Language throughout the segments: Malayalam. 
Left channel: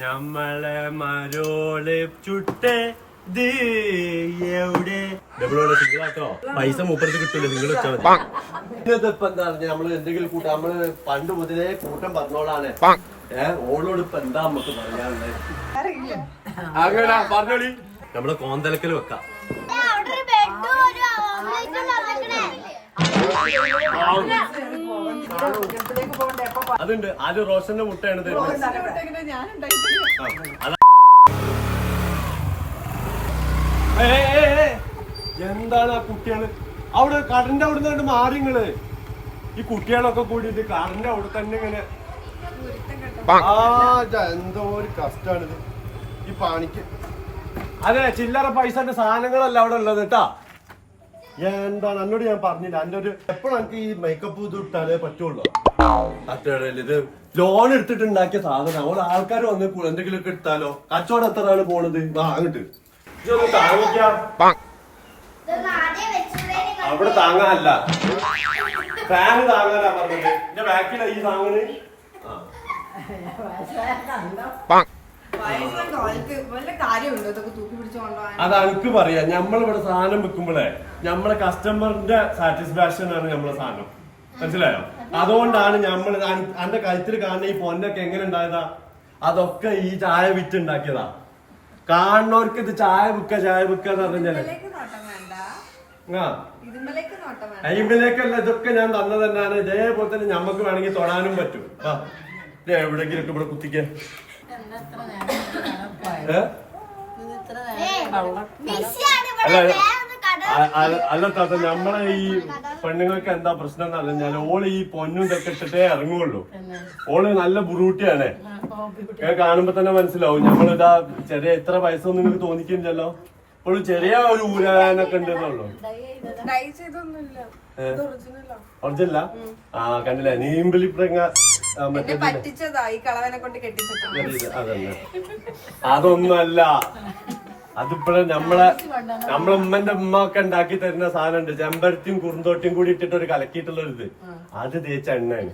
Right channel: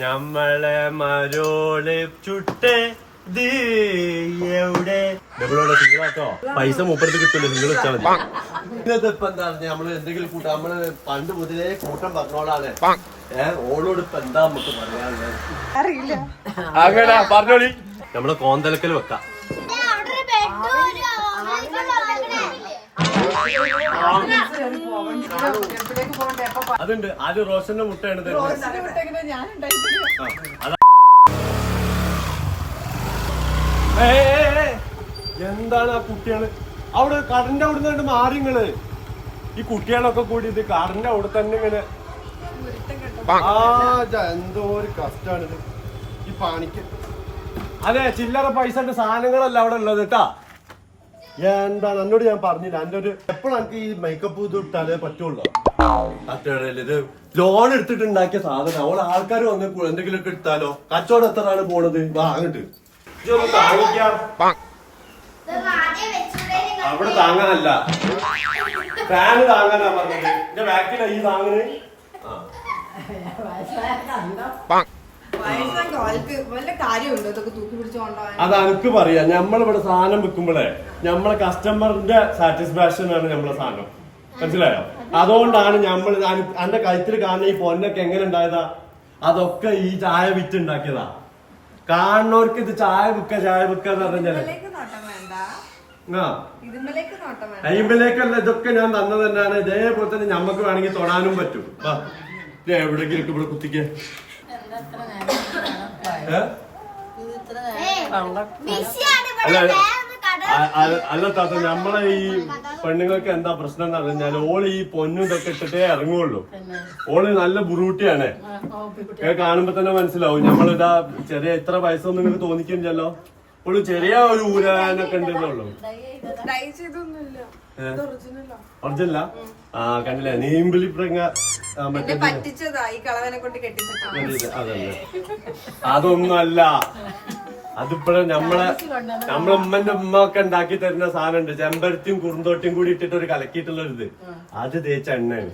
ഞമ്മളെ മരോള് ചുട്ട് എവിടെ ഡബിളോടെ സിംഗിളാട്ടോ പൈസ മൂപ്പടുത്ത് കിട്ടുമല്ലോ നിങ്ങൾ വെച്ചാൽ മതി. ഇപ്പൊ എന്താ നമ്മള് എന്തെങ്കിലും കൂട്ടം നമ്മള് പണ്ട് മുതലേ കൂട്ടം പറഞ്ഞോളാണ്. ഓളോട് ഇപ്പൊ എന്താ നമുക്ക് പറയാനുള്ളത്? അങ്ങനെ പറഞ്ഞോളി. നമ്മള് കോന്തലക്കൽ വെക്കാം. അതുണ്ട്. ആര് റോഷന്റെ മുട്ടയാണ് തരുന്നത്. എന്താണ് ആ കുട്ടികള് അവിടെ കടന്റെ അവിടെ നിന്ന് മാറിങ്ങള് ഈ കുട്ടികളൊക്കെ കൂടി ഇത് കടന്റെ അവിടെ തന്നെ ഇങ്ങനെ എന്തോ ഒരു കഷ്ടാണിത് ഈ പാണിക്ക്. അതെ ചില്ലറ പൈസന്റെ സാധനങ്ങളല്ല അവിടെ ഉള്ളത് കേട്ടാ. എന്താണ് എന്നോട് ഞാൻ പറഞ്ഞില്ല. എന്റെ ഒരു എപ്പോഴും എനിക്ക് ഈ മേക്കപ്പ് ഇത് ഇട്ടാലേ പറ്റുള്ളൂ. തട്ടുകടയിൽ ഇത് ലോൺ എടുത്തിട്ട് ഉണ്ടാക്കിയ സാധനം അവിടെ ആൾക്കാർ വന്ന് എന്തെങ്കിലും ഒക്കെ എടുത്താലോ. കച്ചവടം എത്രയാണ് പോണത് വാങ്ങിട്ട് ഇതൊന്ന് താങ്ങിക്കാം. അവിടെ താങ്ങാനല്ല ഫാന് താങ്ങാനാ പറഞ്ഞത്. എന്റെ ബാക്കിലാ ഈ താങ്ങന്. അത് എനിക്ക് പറയാ. നമ്മളിവിടെ സാധനം വിൽക്കുമ്പോഴേ നമ്മളെ കസ്റ്റമറിന്റെ സാറ്റിസ്ഫാക്ഷൻ ആണ് നമ്മളെ സാധനം. മനസ്സിലായോ? അതുകൊണ്ടാണ് നമ്മൾ എന്റെ കഴുത്തിൽ കാണുന്ന ഈ പൊന്നൊക്കെ എങ്ങനെ ഉണ്ടായതാ? അതൊക്കെ ഈ ചായ വിറ്റ് ഉണ്ടാക്കിയതാ. കാണുന്നവർക്ക് ഇത് ചായ വിൽക്കാന്ന് പറഞ്ഞാല് അയിമ്പലേക്കല്ല ഇതൊക്കെ ഞാൻ തന്നത് തന്നെയാണ്. ഇതേപോലെ തന്നെ ഞമ്മക്ക് വേണമെങ്കിൽ തൊടാനും പറ്റും. എവിടെങ്കിലും ഒക്കെ ഇവിടെ കുത്തിക്ക. അല്ല താത്ത നമ്മളെ ഈ പെണ്ണുങ്ങൾക്ക് എന്താ പ്രശ്നം എന്ന് പറഞ്ഞാല് ഓള് ഈ പൊന്നും ഇതൊക്കെ ഇട്ടിട്ടേ ഇറങ്ങുള്ളൂ. ഓള് നല്ല ബുറൂട്ടിയാണ്. കാണുമ്പോ തന്നെ മനസ്സിലാവും. നമ്മളിതാ ചെറിയ ഇത്ര വയസ്സൊന്നും നിങ്ങൾക്ക് തോന്നിക്കില്ലല്ലോ. ഓള് ചെറിയ ഒരു ഊരാനൊക്കെ ഉണ്ടെന്നുള്ളൂ. ഒറിജിനല്ല. ആ കണ്ടില്ല നീമ്പിളി അതൊന്നും അല്ല. അതിപ്പോഴും നമ്മളെ ഉമ്മന്റെ ഉമ്മ ഒക്കെ ഉണ്ടാക്കി തരുന്ന സാധനം ഉണ്ട്. ചെമ്പരത്തിയും കുറുന്തോട്ടിയും കൂടി ഇട്ടിട്ട് ഒരു കലക്കിയിട്ടുള്ള ഒരു ഇത്. അത് തേച്ച എണ്ണയാണ്.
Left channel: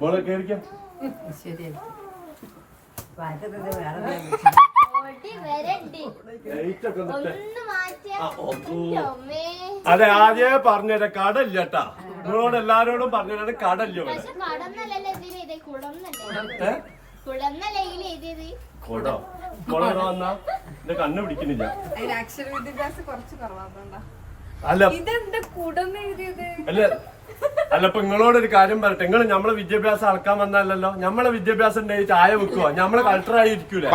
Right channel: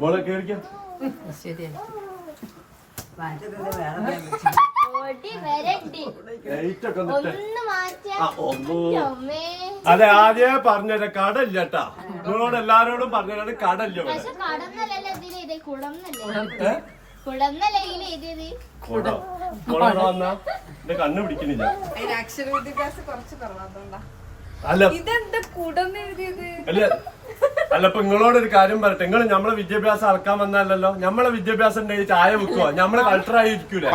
മോളെ കേറിക്കാം. അതെ ആദ്യമേ പറഞ്ഞത് കടല്ലേട്ടാ. നിങ്ങളോട് എല്ലാരോടും പറഞ്ഞത് കടല്ല. ഇവിടെ കൊടോ വന്നാ എന്റെ കണ്ണ് പിടിക്കുന്നില്ല. അല്ല അല്ല ഇപ്പൊ നിങ്ങളോടൊരു കാര്യം പറയട്ടെ. നിങ്ങൾ നമ്മളെ വിദ്യാഭ്യാസം അളക്കാൻ വന്നല്ലോ. നമ്മളെ വിദ്യാഭ്യാസം ഉണ്ടെങ്കിൽ ചായ വെക്കുക. നമ്മള് കൾച്ചറായി ഇരിക്കൂലേ?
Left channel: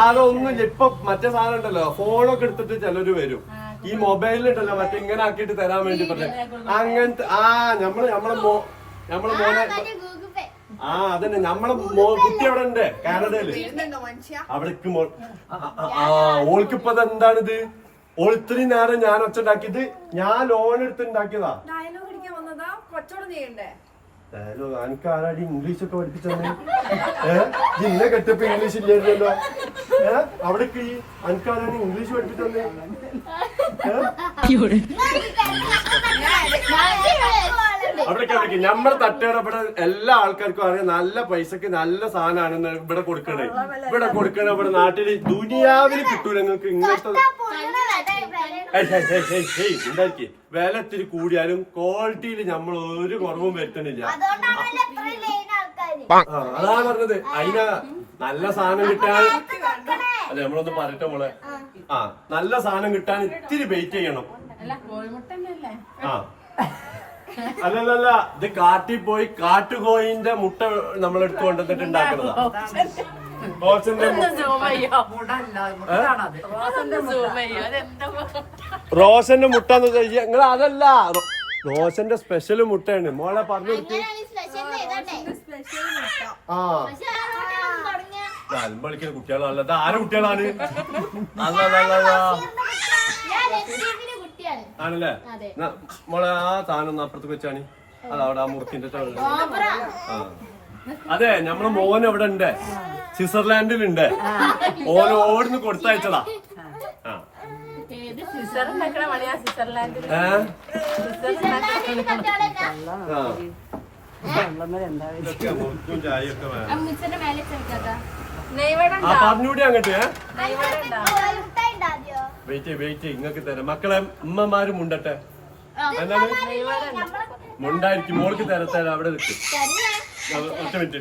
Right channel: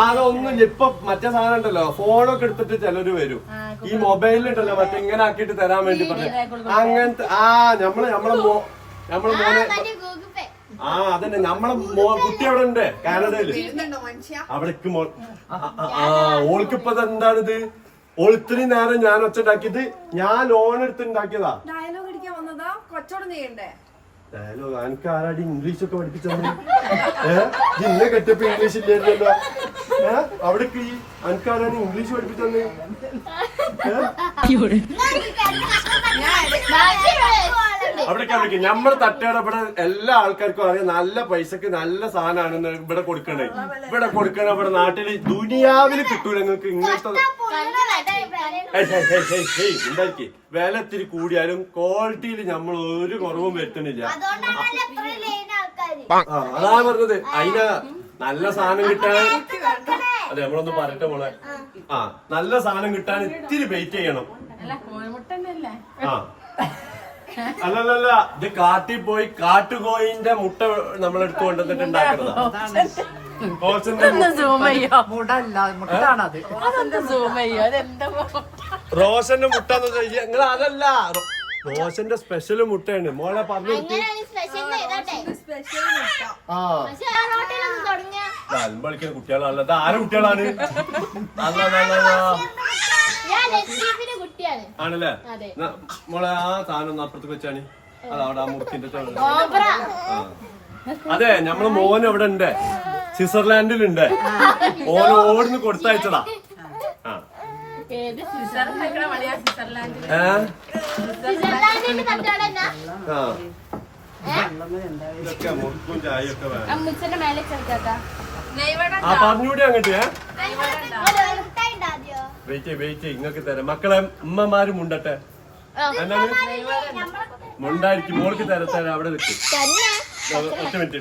അതൊന്നും ഇപ്പൊ മറ്റേ സാധനം ഉണ്ടല്ലോ. ഫോണൊക്കെ എടുത്തിട്ട് ചിലര് വരും. ഈ മൊബൈലിലുണ്ടല്ലോ മറ്റേ ഇങ്ങനെ ആക്കിയിട്ട് തരാൻ വേണ്ടി പറഞ്ഞു. അങ്ങനത്തെ നമ്മളെ മോനെ അതന്നെ നമ്മളെ കുട്ടി അവിടെ ഉണ്ട് കാനഡയില്. അവിടേക്ക് ഓൾക്കിപ്പത് എന്താണിത്? ഓൾ ഇത്രയും നേരം ഞാൻ ഒച്ചുണ്ടാക്കിയത് ഞാൻ ലോൺ എടുത്ത് ഉണ്ടാക്കിയതാ. ഡയലോഗ് എനിക്ക് ആരാടി ഇംഗ്ലീഷ് ഒക്കെ പഠിപ്പിച്ചത്? ഇന്നെ കെട്ടപ്പോ ഇംഗ്ലീഷ് ഇല്ലായിരുന്നല്ലോ. അവിടേക്ക് എനിക്കാരാണ് ഇംഗ്ലീഷ് പഠിപ്പിച്ചത്? അവിടേക്ക് നമ്മുടെ തട്ടയുടെ ഇവിടെ എല്ലാ ആൾക്കാർക്കും അറിയാം നല്ല പൈസക്ക് നല്ല സാധനമാണ് ഇവിടെ കൊടുക്കണേ. ഇവിടെ നാട്ടില് ദുനിയാവില് കിട്ടൂല നിങ്ങൾക്ക് ഇങ്ങനത്തെ. ഉണ്ടാക്കി വില ഇത്തിരി കൂടിയാലും ക്വാളിറ്റിയിൽ നമ്മൾ ഒരു കുറവും വരുത്തണില്ല. അതാ പറഞ്ഞത്. അതിന് നല്ല സാധനം കിട്ടാൻ അതെ നമ്മളൊന്ന് പറയട്ടെ മോളെ. നല്ല സാധനം കിട്ടാൻ ഇത്തിരി വെയിറ്റ് ചെയ്യണം. അല്ലല്ല ഇത് കാട്ടിൽ പോയി കാട്ടുകോയിന്റെ മുട്ട നമ്മളെടുത്ത് കൊണ്ടുവന്നിട്ട് ഉണ്ടാക്കുന്നതാ. റോഷന്റെ മുട്ട നിങ്ങൾ അതല്ല റോഷന്റെ സ്പെഷ്യൽ മുട്ടയാണ് മോളെ പറഞ്ഞു. കളിക്കുന്ന കുട്ടികളല്ല. ആരെ കുട്ടികളാണ്? ആണല്ലേ? മോളെ ആ സാധനം ഒന്ന് അപ്പുറത്തേക്ക് വെച്ചാണ്. അതവിടെ ആ മുറുക്കിന്റെ അതെ നമ്മളെ മോൻ എവിടെ ഉണ്ട്? സ്വിറ്റ്സർലാൻഡിലുണ്ട്. ഓന് ഓടുന്ന് കൊടുത്തയച്ചതാ. ഇതൊക്കെ മുറുക്കും ചായയൊക്കെ വേണം. അമ്മച്ചിന്റെ മേലെ ചെറുക്കാ ആ പറഞ്ഞൂടി അങ്ങോട്ട് വെയിറ്റ് ഇങ്ങക്ക് തരാം. മക്കളെ ഉമ്മമാര് മുണ്ടട്ടെ. എന്താണ് മുണ്ടായിരിക്കും. മോൾക്ക് തരാം. അവിടെ നിൽക്കും. ഒറ്റ മിനിറ്റ്.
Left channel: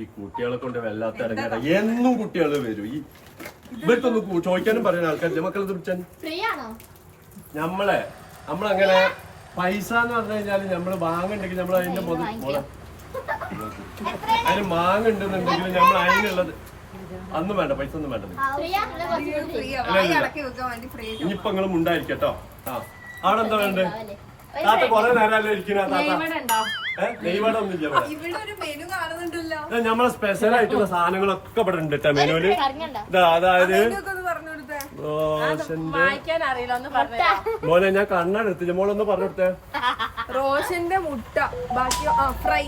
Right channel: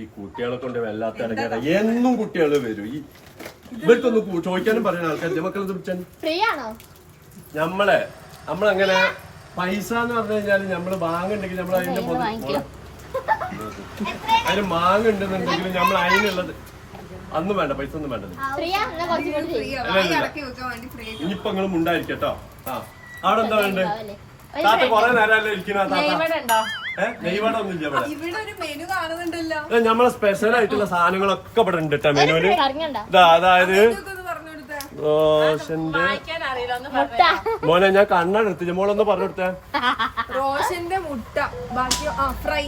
ഈ കുട്ടികളെ കൊണ്ട് വല്ലാത്ത ഇടങ്ങേറ. എന്നും കുട്ടികൾ വരും. ഈ ഇവർക്കൊന്ന് ചോദിക്കാനും പറയുന്ന ആൾക്കാർ മക്കളെ വിളിച്ചാൽ നമ്മളങ്ങനെ പൈസ എന്ന് പറഞ്ഞു കഴിഞ്ഞാല് നമ്മള് വാങ്ങുണ്ടെങ്കിൽ നമ്മൾ അതിന്റെ അതിന് മാങ്ങുണ്ടെന്നുണ്ടെങ്കിൽ നമ്മൾ അതിനുള്ളത് അന്നും വേണ്ട, പൈസ ഒന്നും വേണ്ടത്. ഇനിയിപ്പൊ നിങ്ങളും ഉണ്ടായിരിക്കട്ടോ. ആ അവിടെ എന്താ വേണ്ടത്? താത്ത കൊറേ നേരമല്ലേ ഇരിക്കുന്ന. നമ്മളെ സ്പെഷ്യൽ ആയിട്ടുള്ള സാധനങ്ങളൊക്കെ ഇവിടെ ഉണ്ട് കേട്ടോ മെനുവില്. അതായത് റോഷന്റെ മോനെ ഞാൻ കണ്ണെടുത്തില്ല. മോളൊന്ന് പറഞ്ഞു കൊടുത്തേ. റോഷന്റെ മുട്ട, ബാക്കി ഫ്രൈ.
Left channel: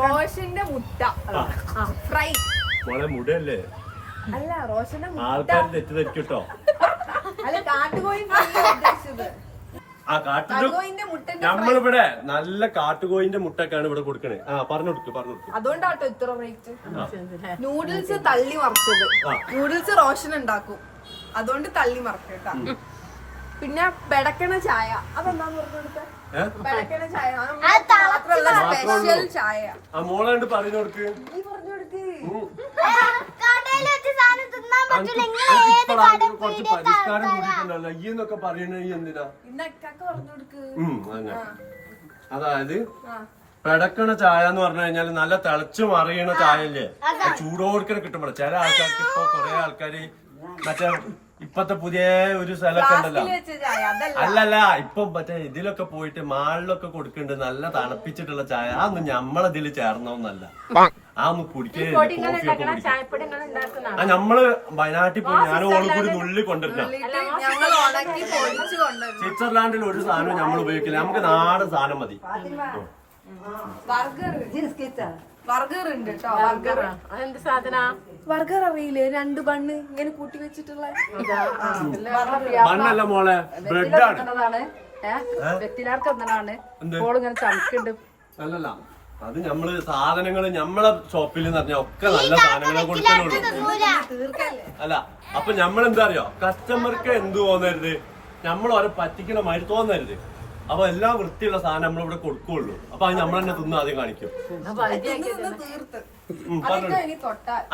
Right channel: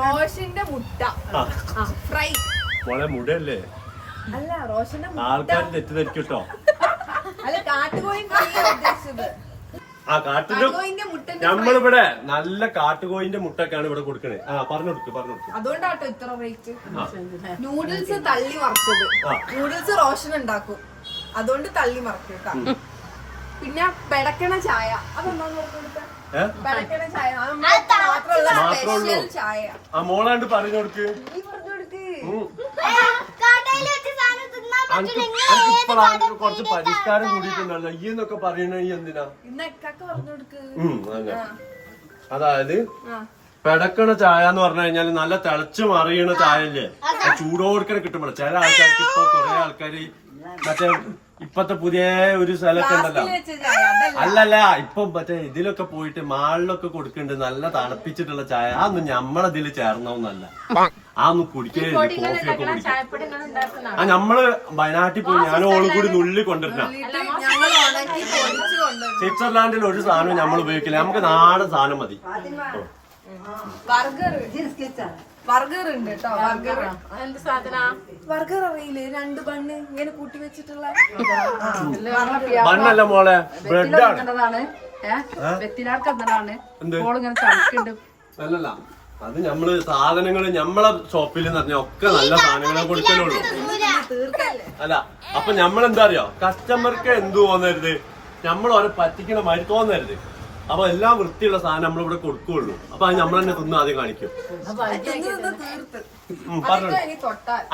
റോഷന്റെ മുട്ട ഫ്രൈ. മോളെ മുടയല്ലേ? അല്ല റോഷന്റെ ആൾക്കാർ തെറ്റിദ്ധരിക്കട്ടോ. അല്ല കാട്ടുകോഴി ഫ്രൈ ഉദ്ദേശിച്ചത്. ആ നമ്മളിവിടെ നല്ല കാട്ടുകോയിന്റെ മുട്ടൊക്കെയാണ് ഇവിടെ കൊടുക്കണേ. ആ പറഞ്ഞു കൊടുക്ക്. അതുകൊണ്ടാട്ടോ ഇത്ര റേറ്റ്. നൂഡിൽസ് തള്ളി മറിച്ചത്. നൂഡിൽസ് റോഷൻ ഉണ്ടാക്കും, അതുകൊണ്ട് തള്ളി മറിക്കട്ടാ. പിന്നെ പെടക്കണ ചായ, അതെന്താന്ന് പറഞ്ഞു കൊടുത്തേ? പെടക്കണ ചായ സ്പെഷ്യൽ ചായ. ആ മോളാണ്ട് പറഞ്ഞു കൊടുക്ക്. നീ പറഞ്ഞു കൊടുക്ക്. കുറച്ച് പരിഷ്കാരം കൂടിയിട്ടുണ്ടല്ലോ ഈ എന്നൊക്കെ പറയണ എന്തിനാ? അതായത് പെടക്കണ ചായ എന്ന് പറഞ്ഞു കഴിഞ്ഞാല് നല്ല തിളച്ചു മറിയണ ചായല്ലേ, ചൂടോടുക്കനെ കിട്ടുമ്പോൾ ചില ആൾക്കാർക്ക് ഇപ്പൊ കൊറേ ആൾക്കാര് മറ്റേ ഇപ്പത്തെ പുതിയ ഒരു സ്ഥലമൊക്കെ ഉണ്ടല്ലോ. അല്ലല്ല ഇപ്പൊ മറ്റേ ഇതിലൊക്കെ പോയിട്ട് മാളിലൊക്കെ കൊടുക്കുന്നുണ്ട് നല്ല തണുപ്പിച്ചിട്ടുള്ള ചായ. അതൊന്നും ഞമ്മളതില് ചേർന്നൊന്നല്ല. അതൊന്നും കുടിക്കലില്ല. കോഫിയൊക്കെ കുടിക്കും. ആ നമ്മള് വയനാട്ടിൽ പോയി ഞാനും ഓളും കൂടി നുള്ളി കൊണ്ടിരുന്ന. സ്വിറ്റ്സർലാൻഡിൽ ഒരു സാധനം നമ്മൾ ഉപയോഗിക്കില്ല. നമുക്ക് നാടൻ സാധനം മതി. ബർഗർ ഉണ്ട് കേട്ടോ. ബർഗർ അറിയില്ലേ? 2 ബണ്ണ് ഇങ്ങനെ കൂട്ടി വെച്ചിട്ടുള്ള ബണ്ണല്ല മോളെ, ബ്രെഡാണ്. അല്ലല്ല അത് നമ്മള് സാധനങ്ങള് നമ്മളെ ഷോപ്പിൽ എന്ന് പറഞ്ഞാൽ ഒക്കെ നല്ല സാധനങ്ങളെ കൊടുക്കലുള്ളൂ. അല്ല അപ്പൊ നമ്മളെന്താ അറിയോ, കസ്റ്റമർക്ക് എന്ത് തോന്നരുത്, നമ്മൾ ഓരോ പറ്റിക്കണ മാതിരി തോന്നരുത്. അപ്പൊ എല്ലാം വൃത്തിയുള്ള സാധനം നമ്മളിവിടെ കൊടുക്കുള്ളൂ. അപ്പൊ അത് നമ്മൾ തന്നെ തിന്ന് ആദ്യം കാണിക്കും.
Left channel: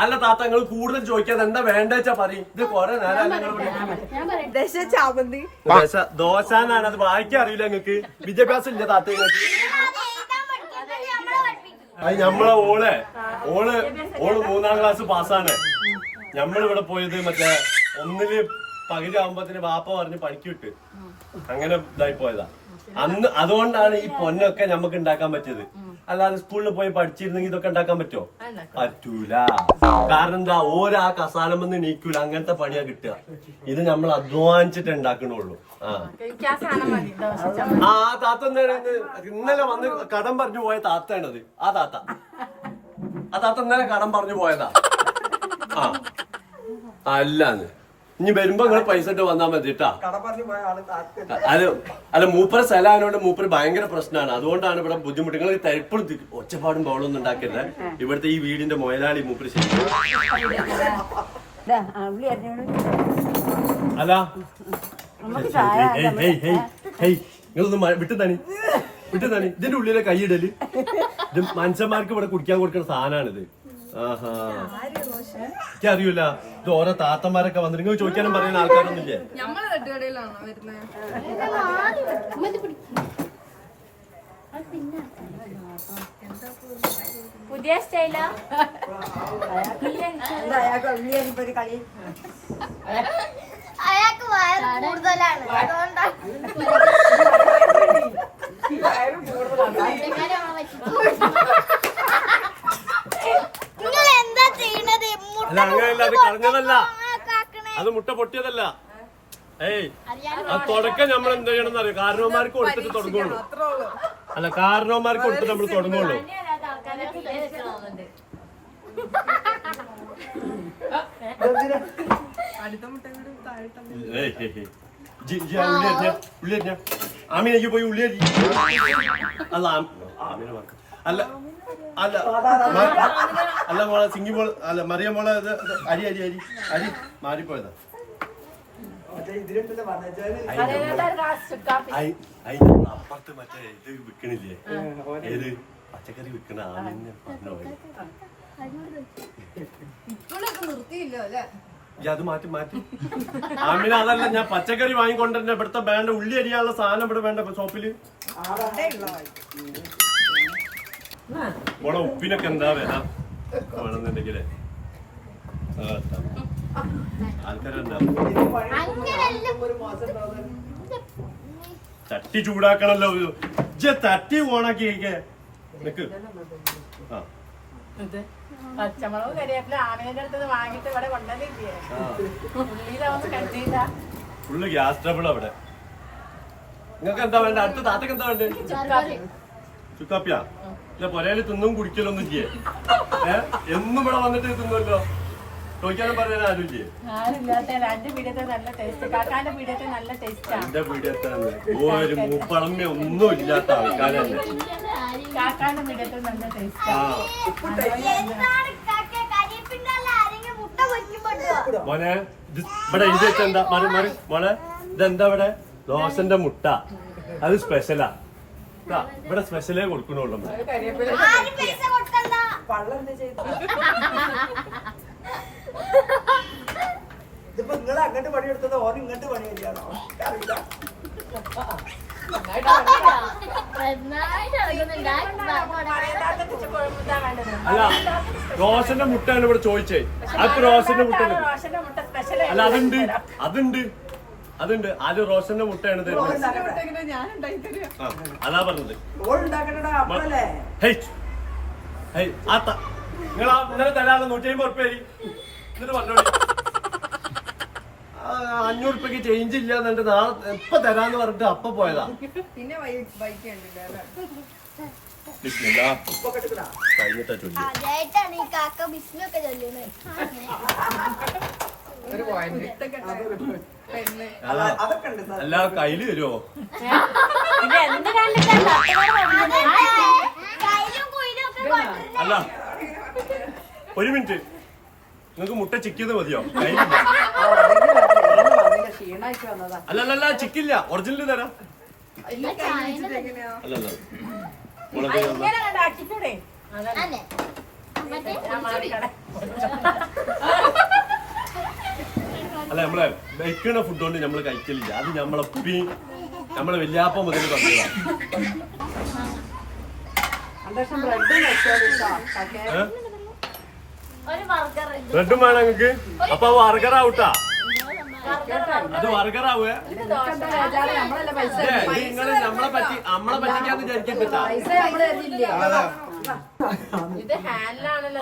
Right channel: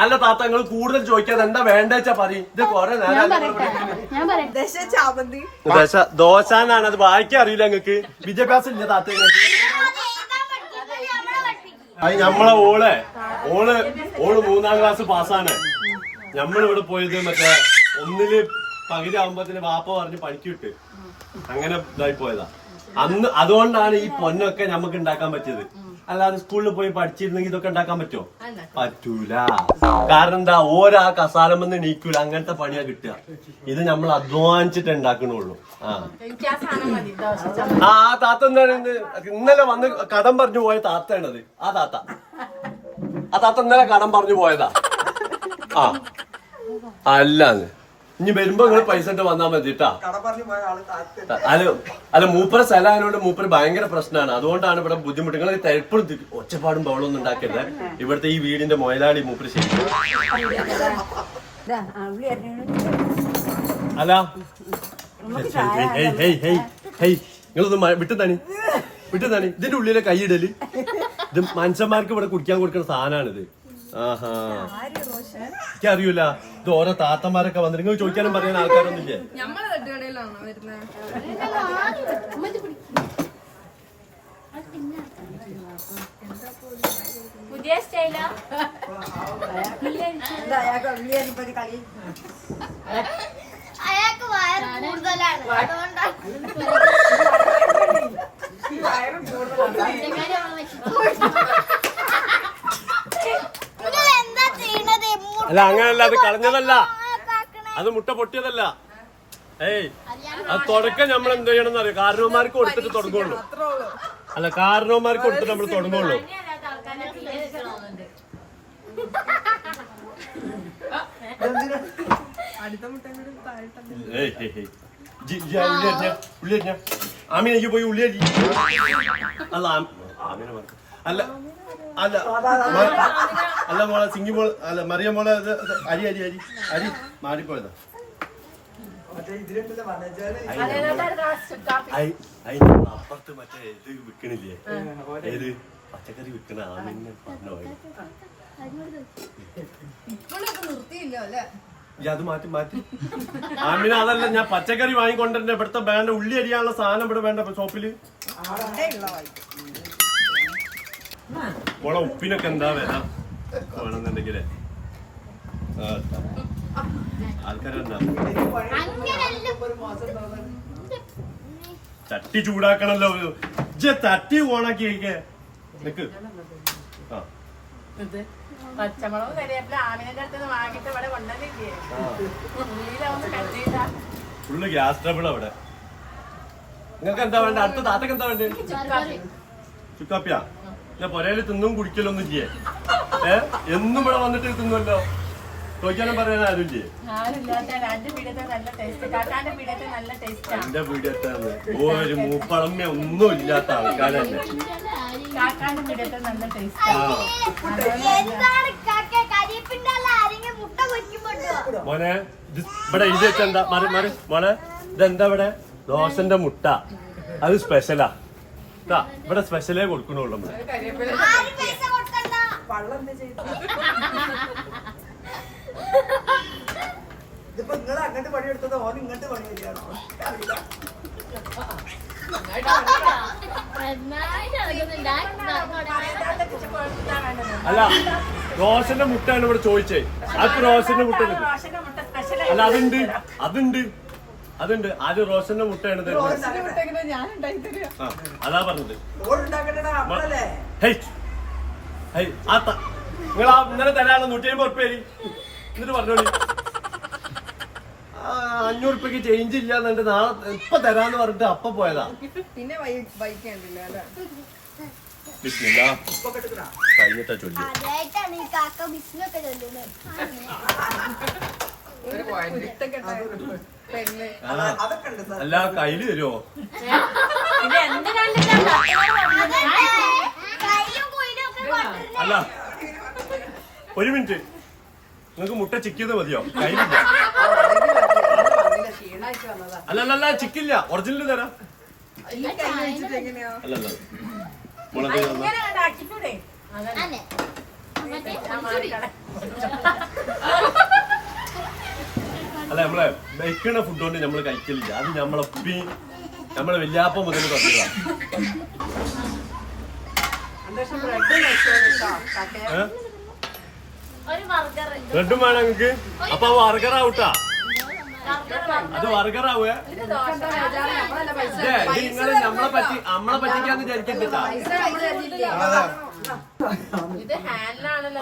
അല്ല താത്ത നിങ്ങൾ കൂടുതൽ ചോദിക്കാതെ എന്താ വേണ്ടെച്ചാ പറയും. ഇത് കൊറേ നേരം ദോശ എന്നാണ്. അത് വായിക്കാൻ അറിയില്ല നിങ്ങക്ക്, വിദ്യാഭ്യാസം ഇല്ല താത്ത നിങ്ങൾക്ക്. അത് നമ്മളെ ഓള് 3ാം ക്ലാസ് പാസ്സാണ്. നമ്മളിവിടെ പോയത് മറ്റേ 1ല് പകുതി ആവുമ്പത്തിന് വാപ്പ പറഞ്ഞ് പണിക്ക് വിട്ട് അങ്ങനെ ഇതായി പോയതാ. അന്ന് അതുകൊണ്ടാണ് ഈ പൊന്നൊക്കെ നമുക്ക് ഉണ്ടാക്കാൻ പറ്റിയത്. അല്ലാതെ സ്കൂളിൽ പോയി പഠിച്ചിരുന്നെങ്കിൽ ഇതൊക്കെ ഉണ്ടാക്കാൻ പറ്റുമോ? പറ്റൂല. കാരണം എന്താ, ഓരോ കസാലമെന്ന് നീക്കൂല. അങ്ങനത്തെ പണിയാ കിട്ടുക. ഇത് നമ്മൾ അധ്വാനിച്ചിട്ട് ഉണ്ടാക്കണുള്ളൂ. ആ താത്ത എന്താണ് ഇന്നലെ വന്ന് കടം പറഞ്ഞു പോയ താത്തയാണത്. ആ താത്ത ഇന്നലെ കടം പറഞ്ഞു പോയതാ. ആ അല്ലാന്ന് ഇനി വരുമ്പോ നിങ്ങൾ പൈസ ഇട്ട് വന്നാ മതി കേട്ടാ. അല്ല മൂപ്പര സ്ഥലമായതുകൊണ്ട് മൂപ്പര് ഭയങ്കര പ്രശ്നമാണ്. അതുകൊണ്ടാണ് ഇവിടെ ബുദ്ധിമുട്ട്. നിങ്ങൾ എപ്പോഴും ഒച്ചപ്പാടും ബഹളമൊന്നും ഉണ്ടാക്കരുത്. ഇവിടുത്തെ ഈ വീടിന്റെ മുതലാളി മൂപ്പര് അല്ല നിങ്ങളൊന്നും വിട്ടുതാണി. ഇതിന്റെ ഉള്ളിലെ കൈയിടല്. ഇത് മനുഷ്യന്മാർക്ക് ഇവിടെ കുടിക്കാൻ കൊടുക്കുന്ന സാധനമാണിത്. ആഹാ എനിക്കറിയൂല. ഇത് ഓരോ താത്തമാരൊക്കെ വന്നിട്ട് നിങ്ങൾ ചോദിക്കാനും പറയാൻ ആൾക്കാരൊന്നുമില്ലേ? പുതിയ സ്റ്റൈലാ. അയാൾക്ക് വയറ് കൂടുതലാണ്, അതുകൊണ്ടാണ്. അല്ല അങ്ങനല്ല, അത് കളഞ്ഞതല്ല, അത് മുട്ട പൊട്ടിയതല്ല. ഏയ് അത് തുടക്കം നമ്മൾ എന്ത് ചെയ്യണം എന്നറിയാം. കാരണവന്മാർക്ക് കൊടുത്തിട്ട് തുടങ്ങുള്ളൂ. അല്ല കാരണവന്മാർക്ക് കൊടുത്തിട്ട് നമ്മൾ തുടങ്ങുള്ളൂ. അടുത്ത മുട്ട ഉള്ളി ആമീനേക്ക് പോയി ഉള്ളി അരി. അല്ല ആമീനെ മറക്കും. അല്ല അല്ല അല്ല മോളെ സിംഗി മോള് അല്ല മറിയ മോളെ അരി അരി അരി അരി മാറിപ്പോയതാ. അപ്പുറത്ത് മറ്റേ ഇത് വിക്കണില്ലേ, ഏത് പച്ചക്കറി വിക്കണ ആമീനെ പറഞ്ഞോ. നിർത്തിയില്ലോ അല്ലേ? അത് മാറ്റി മാറ്റി ആമീന. അതല്ല, ഞാൻ പച്ചക്കറി വാങ്ങിക്കൊണ്ടിരുന്ന ഇവിടുത്തെ വേണ്ട ഉള്ളി അരിയാനുള്ള സാധനം ഇവിടെ വേണ്ട ഷോപ്പില്. മോളെ ഉപ്പിനൊക്കെ എന്താ വില വേണമെന്നുണ്ടെങ്കിലേ ആൾക്കാരുണ്ടാവും. ചട്ടി ചൂടാക്കണല്ലോ. തട്ടി ഓണാക്കി കഴിക്കേ നിക്ക്. ആ പച്ചമുളക് കരിവേപ്പില ആമിനെ അടുത്ത് വാങ്ങിട്ട് ഇവിടെ കൊണ്ടുവന്നില്ലേ, ഉള്ളിലൊന്ന് കട്ടിയില്ല. ഫുള്ള് ഗ്യാസ് ട്രബിൾ അവിടെ. നിങ്ങൾക്ക് എന്താ വേണ്ട? അടുത്ത താത്തക്ക് എന്താ വേണ്ടേ? ചുക്കാപ്പിയാ. ഞാൻ പൊരയില് തിന്നും കുടിക്കലൊന്നും ചെയ്യേ. എന്നും ഇവിടെ വന്നിട്ട് തിന്നുമല്ലോ. ചോദിക്കാനും പറയാൻ ആരുമില്ലേ? ആരില്ലാത്ത എന്റെ പീഠത്തിൽ നല്ല ടേസ്റ്റ്, കാക്കാന്റെ പീഠത്തിൽ നല്ല ടേസ്റ്റ്. എന്റെ പീഠത്താണ് ഒരു മൂപ്പളമ്മ ഒന്നും ഇല്ലാത്ത ആൾക്കാരല്ലേ. കാക്കാന്റെ പീഠത്തിൽ നല്ല ടേസ്റ്റ്. മോനെ ഇത് ഇവിടെ എഴുതി വെച്ചെന്താ? മറി മറി മോളെ ഇതെന്താ ഇവിടെ? ദോശന്റെ മുട്ട. അത് സ്പെഷ്യലാ. ഇവിടെ സ്പെഷ്യലേ കൊടുക്കണുള്ളൂ. നിങ്ങൾ അങ്ങോട്ട് പണിയെടുത്തത് ഓൻ ഇങ്ങോട്ട് പണിയെടുക്കാണോ? അല്ല റോഷന്റെ മുട്ടയാണ് ഇവിടെ ചോദിച്ചേ. ആർക്ക് റോഷന്റെ മുട്ട? അല്ല അതുണ്ട് അതുണ്ട് അതുണ്ട്. ആര് റോഷന്റെ മുട്ടയാണ് തരുന്നത്? അതാ പറഞ്ഞത്. നിങ്ങൾ ഇന്നലെ തരാനുള്ള 150 ഉറുപ്പ്യ എന്നിട്ട് പറഞ്ഞോളി. 500 ഉറുപ്പ്യക്ക് ചേഞ്ച് ഇല്ല എന്നിട്ട് നാളെ ഇപ്പൊ തരാന്ന് പറഞ്ഞിട്ട് അപ്പൊ പോയതാ. പിന്നെ ബൈക്കുണ്ടില്ല അല്ലേ? ബിസ്മില്ലാ കഴിഞ്ഞിട്ടാ ചൊല്ലി. അല്ല കയ്യില് തരുമോ? അല്ല ഒരു മിനിറ്റ്, നിങ്ങക്ക് മുട്ട ചിക്കിയത് മതിയോ? കയ്യിലില്ല. അല്ലല്ല ചിക്കില്ല, ഒറിജിനൽ തരാം. അല്ലല്ല മുളക് അല്ല നമ്മളെ വെക്കണ ഫുഡ് കൊണ്ട് നമ്മള് കഴിക്കലില്ല. അത് നമ്മളെപ്പി നമ്മളെ വല്യാപ്പം മുതൽ പറഞ്ഞതാ. ബ്രെഡും വേണം നിങ്ങക്ക്? അപ്പൊ വർഗറാവൂട്ടാ. അത് വർഗറാവേ. നിങ്ങള് നമ്മളെ പറ്റിക്കാന്ന് വിചാരിക്കണ്ടാ.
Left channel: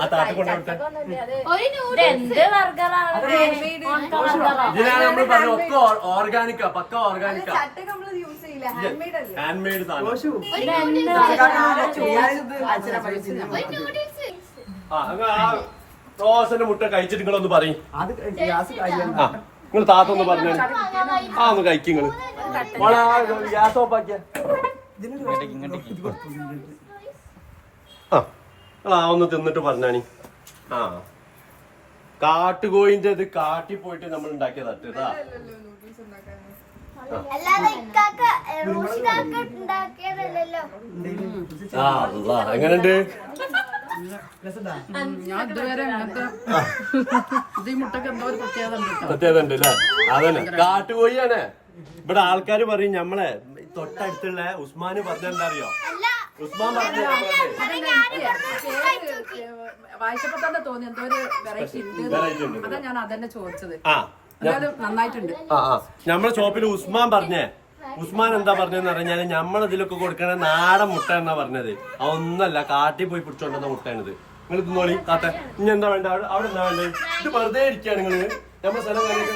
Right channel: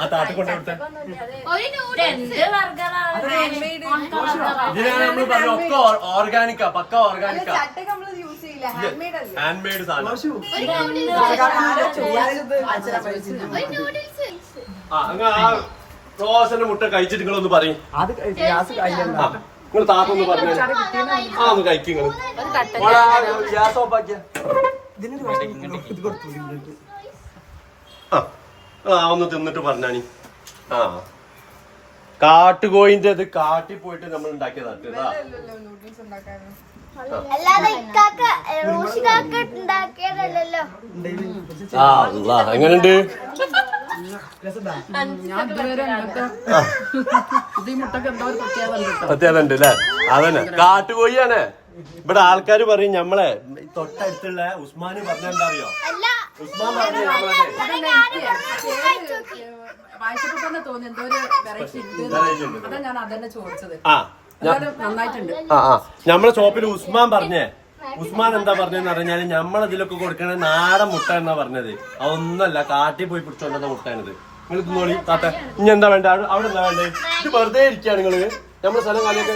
ആ താത്ത കൊണ്ടുവിട്ടെ. ഇതിനാണ് നമ്മള് പറഞ്ഞ ഒക്കെ ഓർഗാനിക്കാ, പക്ക ഓർഗാനിക്കാ, ഹാൻഡ് മെയ്ഡ് സാധനം. ആ റോഷന്റെ മുട്ട കഴിച്ചിട്ട് നിങ്ങളൊന്ന് പറയും. നിങ്ങൾ താത്തൊന്ന് പറഞ്ഞു. ആ ഒന്ന് കഴിക്കും നിങ്ങള്. ഗ്യാസ് ഓഫ് ആക്കിയ ആ ഒന്ന് തിന്നിട്ട് പറഞ്ഞാണി. ആ കാട്ടുകോയിന്റെ അത് കാട്ടി പോയിട്ട് നമ്മൾ ഉണ്ടാക്കിയതാ. എങ്ങനെയുണ്ട്? പ്രത്യേകത ഉണ്ട് അല്ലേ? അതന്നെ കാട്ടുകോയിയാണ്. ഇവിടെ ആൾക്കാര് പറയും നമ്മളെ തൊട്ടടുത്തുള്ള ഉസ്മാന് പറഞ്ഞെന്താ അറിയോ? ഉസ്മാൻ പറഞ്ഞു വായിച്ചപ്പോ തന്നെ തോന്നി എന്തോ ഒരു വെറൈറ്റി ഉണ്ട്. അതാ ഞാൻ അതന്നെ ചോദിച്ചത്. നന്നായിട്ടുണ്ട്. നമ്മളെ ഷോപ്പിൽ ഉസ്മാൻ പറഞ്ഞേ. ഉസ്മാൻ എന്താ പറഞ്ഞെന്ന് പറഞ്ഞാല് നമ്മളതിലൊക്കെ കൊടുക്കണ നാടൻ മുട്ട എന്നാ പറഞ്ഞത്. അതൊന്നല്ല, കാട്ടി പോയി പിടിച്ചോണ്ടെന്ന മുട്ടയാണിത്. നിങ്ങൾ തിന്നോളി താത്ത. ഇനി എന്താ വേണ്ട? അവിടെ എന്താ വേണ്ടേ? ഇത് വെറുതെ ഇരിക്കുകയാണ് നിങ്ങള് നമ്മളെ സ്ഥലം കാണിയൊക്കെ.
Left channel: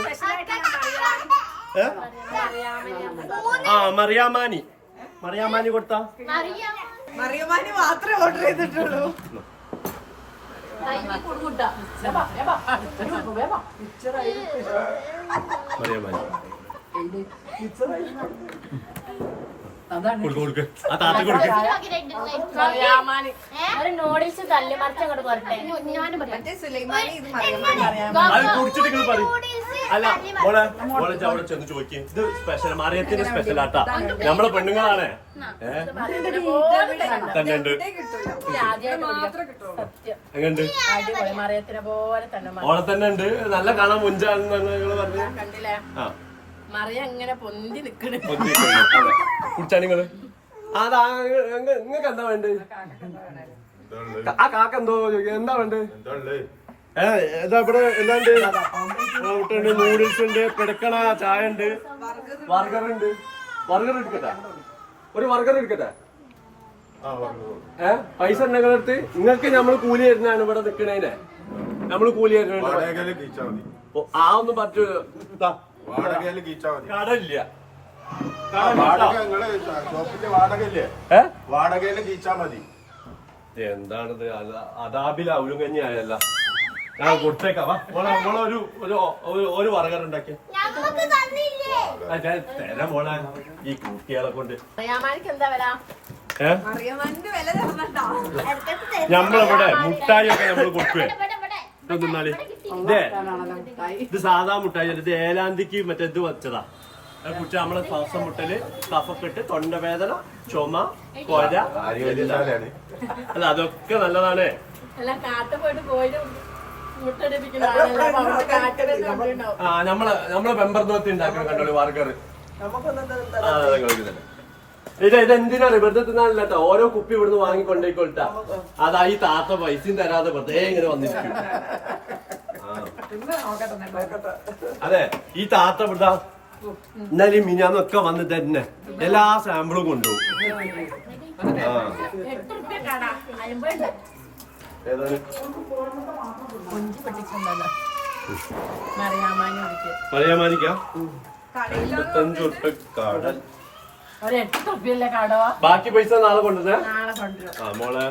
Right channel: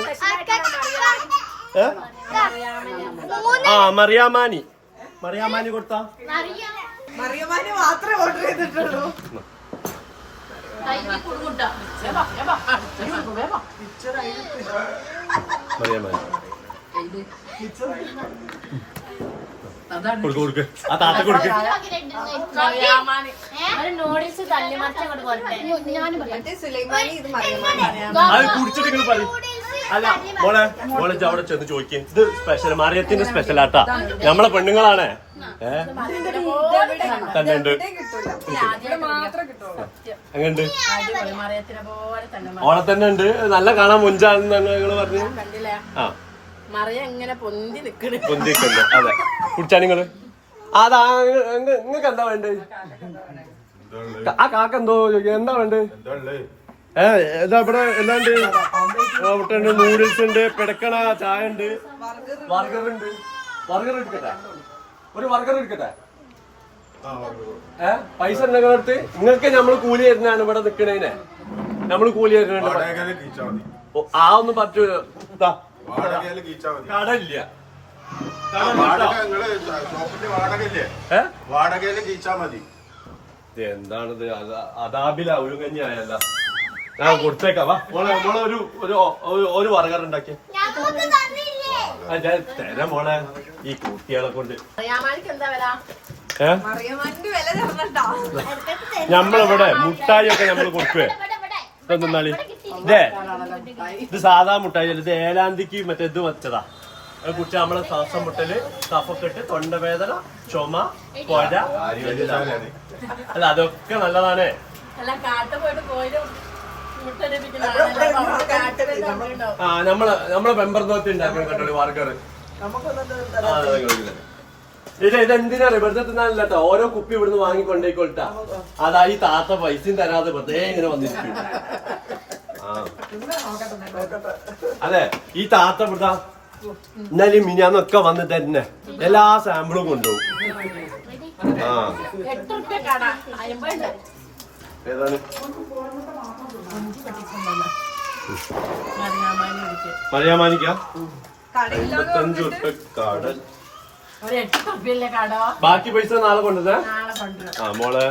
മറിയാമാനി മറിയാമാനി കൊടുത്താ? മറിയമാനി മാത്രമേ ഓർഡർ ചെയ്തിട്ടുള്ളൂ. മറിയാമാനി കൊടുക്ക് ആ താത്ത കൊടുക്ക്. നൂഡിൽസ് തല്ലി മറിച്ച് അങ്ങോട്ട് പോരട്ടെ. മറ്റേ സുലൈമാനി ഇത് മറിയമാനി. അത് കുടിച്ചിട്ട് നിങ്ങൾ പറയും. അല്ല മോളെ മോളെ അവിടെ ചെന്ന് ചോദിക്കേ. ഇത് സ്പെഷ്യൽ മറിയത്തിന്റെ സ്പെഷ്യൽ ആട്ടാ. നമ്മളെ പെണ്ണുങ്ങളാണ്. തന്നെ ഉണ്ട് അങ്ങണ്ട് ഓളെ തന്നെ ഉണ്ട്. നല്ല കാണാൻ മുഞ്ചാണെന്ന് ഞങ്ങൾ പറഞ്ഞു. കണ്ടില്ലേ ആ മറിയ എങ്ങനെ പൊന്തി നിക്കണ്. പൊന്തിട്ടുണ്ട്. അതെ കുടിച്ചാ നിങ്ങള് അതാ നിങ്ങക്ക് എന്താ വേണ്ടത്? ആ കാക്ക എന്തോ എന്താ വേണ്ടത്? എന്താ ഇവിടെ എന്താണ്ട് നൂഡിൽസ് ഉണ്ട്, പിടക്കണ ചായ ഉണ്ട്, ബർഗർ ഉണ്ട്. ബർഗർ എടുക്കട്ടെ? ഒരു ബർഗർ എടുക്കട്ടെ? പൈസ ഉണ്ടെങ്കിൽ അടുത്ത് നിങ്ങൾക്ക് നമ്മള് കൂലി തരുന്നതാണ് ഇവിടെ നിക്കണേനെ. നമ്മള് കൂലി തരുന്നുണ്ട്. ആ ഒന്നും പറ്റൂല. കടയില്ല എന്താണിത്? അതാബില ഒരു കഞ്ഞിയായല്ല. ഞാൻ കൊടുത്തേക്കാം. വാ മോളെ മോളെ ഒരു ബർഗർ ഉണ്ടാക്കിയ തരാം മോളെ. ഈ കുട്ടികളെ കൊണ്ട് നമ്മളിവിടെ മുട്ടായി ഒക്കെ നമ്മള് കൊടുക്കുവേ. നിന്നാളി ഇതേ ഇത് സാധാ മുട്ടായി. ഇത് ഏലാന്തിക്ക് മറ്റേ ഇത് വെച്ചതാ. അത് കുറിച്ച് നമ്മളെ ശ്വാസം മുട്ടല്, കഫക്കെട്ട്, തൊണ്ടവേദന, ചുമ, കൊര. അല്ല അതൊക്കെ നല്ലതാണ്. നമ്മളെ മെമ്പർ നോക്കി ഉണ്ടാക്കുന്ന കണ്ടോളി ബർഗർ. ഇതെന്തിനാ വെറുതെ തിന്നാനില്ല കേട്ടോ. ഓരോ കുപ്പി ഇവിടുന്ന് വാങ്ങിക്കൊണ്ടേക്കൊട്ടാ. അതാ ഈ താത്ത പൈസയും തരാതെ വെറുതെ ഇങ്ങനെ വന്നിരിക്കും. അതെ ഈ താത്ത ഇവിടുത്തെ ഇന്നലെയും മിനിഞ്ഞാന്നൊക്കെ വന്ന് തന്നെ എല്ലാ സാമ്പിളും കൊണ്ടുപോകും. ഏതാണ് മറിയാമാനിക്കാ? 55 ഉറുപ്പിക കടൽ. ബാക്കി പൈസ നാളെ കൊണ്ടുവന്നേ. ആ മോളെ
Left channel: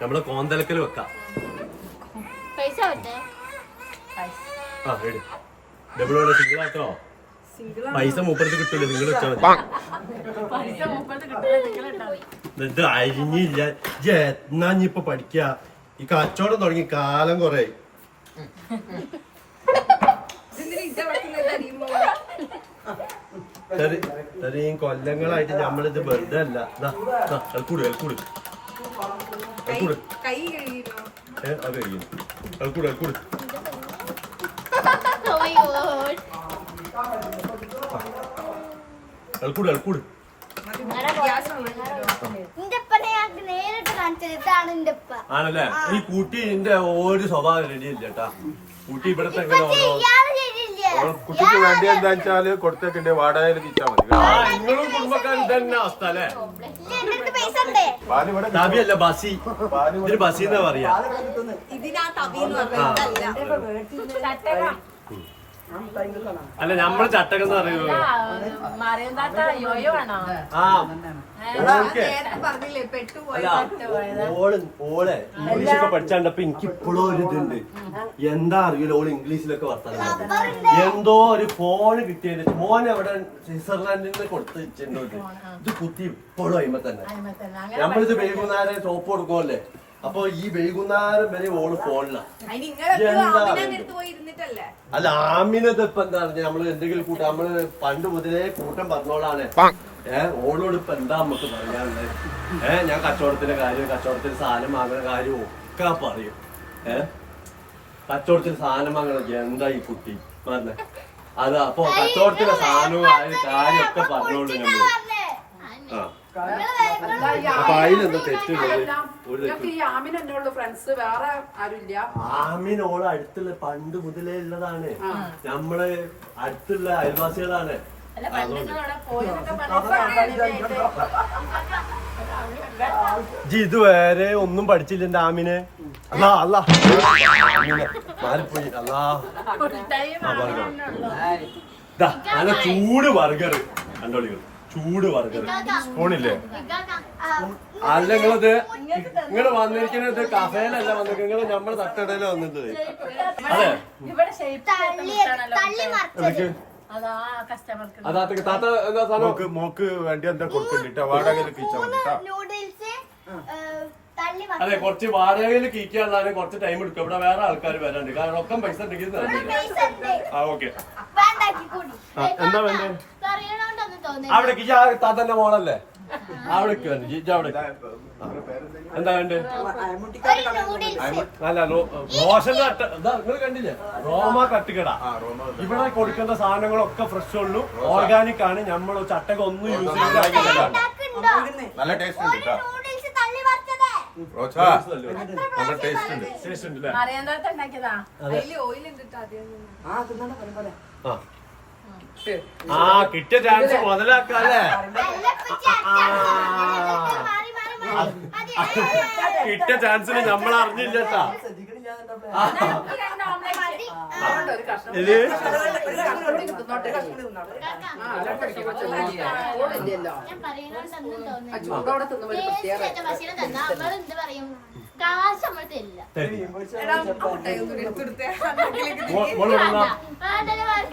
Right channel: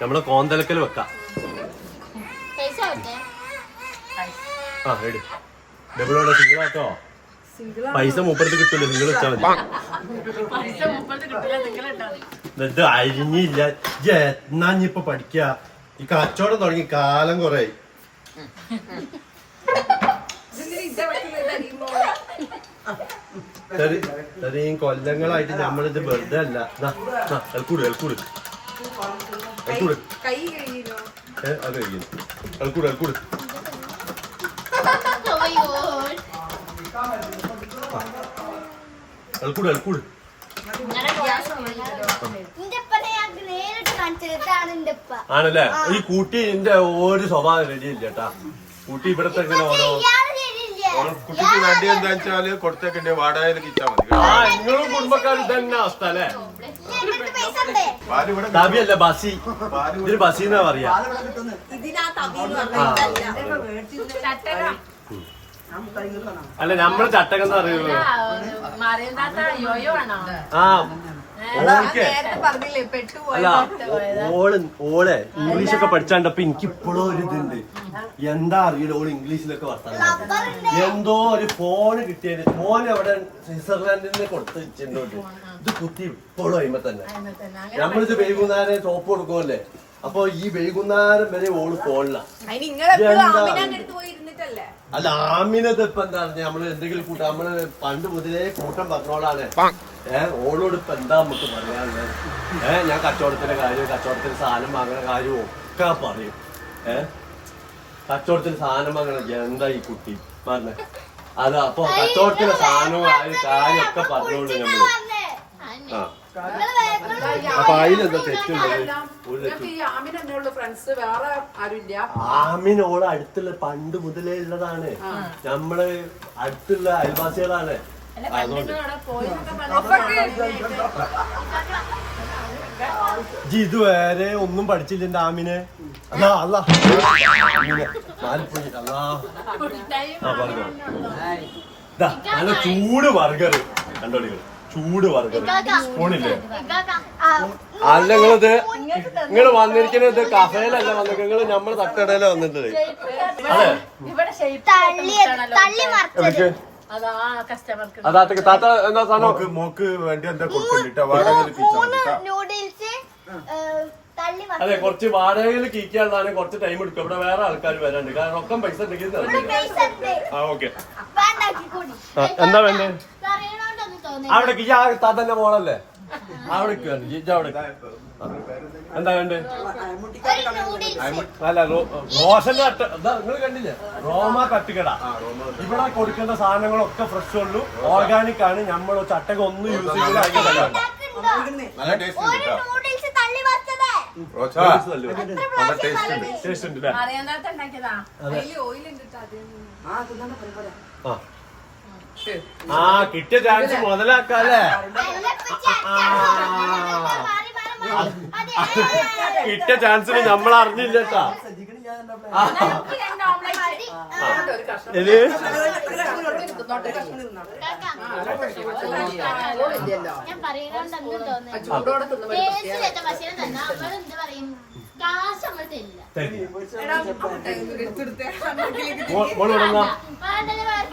നമ്മള് കോന്തലക്കൽ വെക്കാം. ആ എട് ഡബിളോടെ സിംഗിളാട്ടോ. പൈസ മൂപ്പർക്ക് കിട്ടില്ല. സിംഗിൾ വെച്ചാൽ മതി. ഇത് അരിഞ്ഞില്ല. എന്നാ ഇപ്പൊ പഠിക്ക. ഈ കച്ചവടം തുടങ്ങി കാലം കൊറേ. ഇത്രയും കൊല്ലങ്ങളായിട്ട് നമ്മളിത് വെറുതെ അല്ല. അൽക്കൂട് അൽക്കൂട് അൽക്കൂട് അത് കഴിയും. അൽക്കൂട് അൽക്കൂട് അൽക്കൂട് അൽക്കൂട്. ആണല്ലേ? ഈ കൂട്ടി എന്റെ ഒരു സ്വഭാവം റെഡിയില്ല കേട്ടാ. കൂട്ടി ഇവിടത്തെ എങ്ങനെ ഓരോ കുട്ടിക്ക് വേണ്ടി എന്താ വെച്ചാല് കൊടുത്തേക്കിന്റെ വാടകയിൽ കിട്ടാൻ മതി. നിങ്ങളും കുടുംബക്കാർ തന്നെ അവസ്ഥ അല്ലേ? തബിയല്ല ബസി. ഇതിന് ബസി എന്നാ പറയാ. അല്ല നമ്മള് ചട്ടകം എന്ന് പറയുന്നത്. ഓളെ ഇംഗ്ലീഷൊക്കെ പഠിച്ചാണ്ടപ്പോ എനിക്ക് ഇപ്പോഴും ഒരു ഇതുണ്ട്. എന്താ അറിയില്ല ഓള് ഇംഗ്ലീഷിലൊക്കെ വർത്താനം. എന്തോ ഒരു ഫോണ് കിട്ടിയത്. ഫോൺ എവിടെ സ്വിറ്റ്സർലാൻഡിൽ നിന്ന് കൊടുത്ത് വെച്ചിട്ടുണ്ട്. ഇത് കുത്തി ഇപ്പോഴും അയിമ തന്നെ. നമ്മളിത് വൈകുന്നേരം സോപ്പ് കൊടുക്കുമല്ലേ. അപ്പൊ ഈ വൈകുന്നേരം വരെ ഓള് ഫോണിലാണ്. അല്ല ആമിനത് ഇപ്പൊ എന്താ പറഞ്ഞ നമ്മള് എന്തെങ്കിലും കൂട്ടം നമ്മള് പണ്ട് മുതലേ കൂട്ടം പറഞ്ഞോളാണ്. ഓളോട് ഇപ്പൊ എന്താ നമുക്ക് പറയാനുള്ളത്? ഞാൻ കച്ചവടത്തിന്റെ കാര്യം, കച്ചവടത്തിന് സാധനം വാങ്ങുന്ന കാര്യവും ഒക്കെ പറയും. കച്ചവടത്തിന് സാധനം വാങ്ങണ എന്താ ഈ കുട്ടി പറഞ്ഞ അത്. അപ്പൊ കച്ചവടത്തിന്റെ സാധനവും കാര്യമൊക്കെ പറഞ്ഞോളൂ നമ്മള്. ആ അപ്പൊ അതിലെന്താ തെറ്റുള്ളത്? ഒരു തെറ്റും. ആമിനോള് അടുത്തുള്ള പണ്ട് മുതലേ ഉള്ളതാണ്. നമ്മള് അടുത്തുള്ള അയൽവാസികളാണ്. ഇതുവരെ ഒന്നും പഠിച്ചില്ല ആമിന്. നല്ല ചൂട് ബർഗർ കണ്ടോളികൾ. ചൂട് ബർഗർ സ്പൂണില്ലേ? അല്ല നിങ്ങളിത് നിങ്ങൾ വന്നിരിക്കുന്നത് കഫേലല്ല വന്നിട്ട്. നിങ്ങള് നമ്മള് തട്ടടയില വന്നിട്ടുണ്ട്. അതെ അതാ കസ്റ്റമർക്ക് അതാത്ത താത്ത എന്താ സാധനം മോക്ക് വേണ്ടി എന്താ കൊടുക്കണ്ടിട്ടാ വാടകയിൽ കിച്ചാ മതിട്ടാ നൂഡിൽസ് തള്ളി അതെ കുറച്ച് വാടകയിൽ കീക്കാനുള്ളതാണ് കുറച്ച് ടൈം എടുക്കും ഇവിടെ വേറെ ആൾക്കാർ വരാണ്ട് കാരണം ഒക്കെ പൈസ ഉണ്ടെങ്കിൽ തന്നില്ല. ആ ഓക്കെ എന്താ വേണ്ടേ പറയണോണ്ടൊന്നും തോന്നി അവിടെ കിജ താത്തന്റെ മോളല്ലേ അവിടെ ജിജ അവിടെ എന്താ വേണ്ടേ അല്ല റോഷന്റെ കട്ട് എന്താ നിങ്ങൾ കണ്ടില്ലേ റോമ കട്ടുകട ഇവിടെ കൊടുക്കുന്ന സാധനങ്ങളൊക്കെ ഫ്രഷ് ഉള്ളൂ ഓർഗാനിക് ആണ് നമ്മൾ ചട്ടകം ഒന്നും യൂസ് ചെയ്യൂല അതിന്റെ കയ്യല്ല നല്ല ടേസ്റ്റ് ഉണ്ട് കേട്ടോ നൂഡിൽസ് തള്ളി വറുത്തത് റോച്ച നല്ല ടേസ്റ്റ് ഉണ്ട് ടേസ്റ്റ് ഉണ്ട് അല്ലേ അറിയാണ്ടായിട്ട് ഉണ്ടാക്കിയതാ അതില് ഓയിൽ ഉണ്ട് ആദ്യം ആ കിട്ടിയ ചാൻസ് മുതലാക്കാല്ലേ കിട്ടിയ ചാൻസിന് നമ്മൾ അറിഞ്ഞില്ല കേട്ടാ ഇത് ഞാൻ പറയണോണ്ടൊന്നും തോന്നി ഭക്ഷണം തന്നെ നമ്മൾ എന്ത് പറയും കാശ് നമ്മൾ തരില്ല എടാ ആ മുട്ടായി ഒന്ന് എടുത്തെടുത്തേ മോള് വിടുന്ന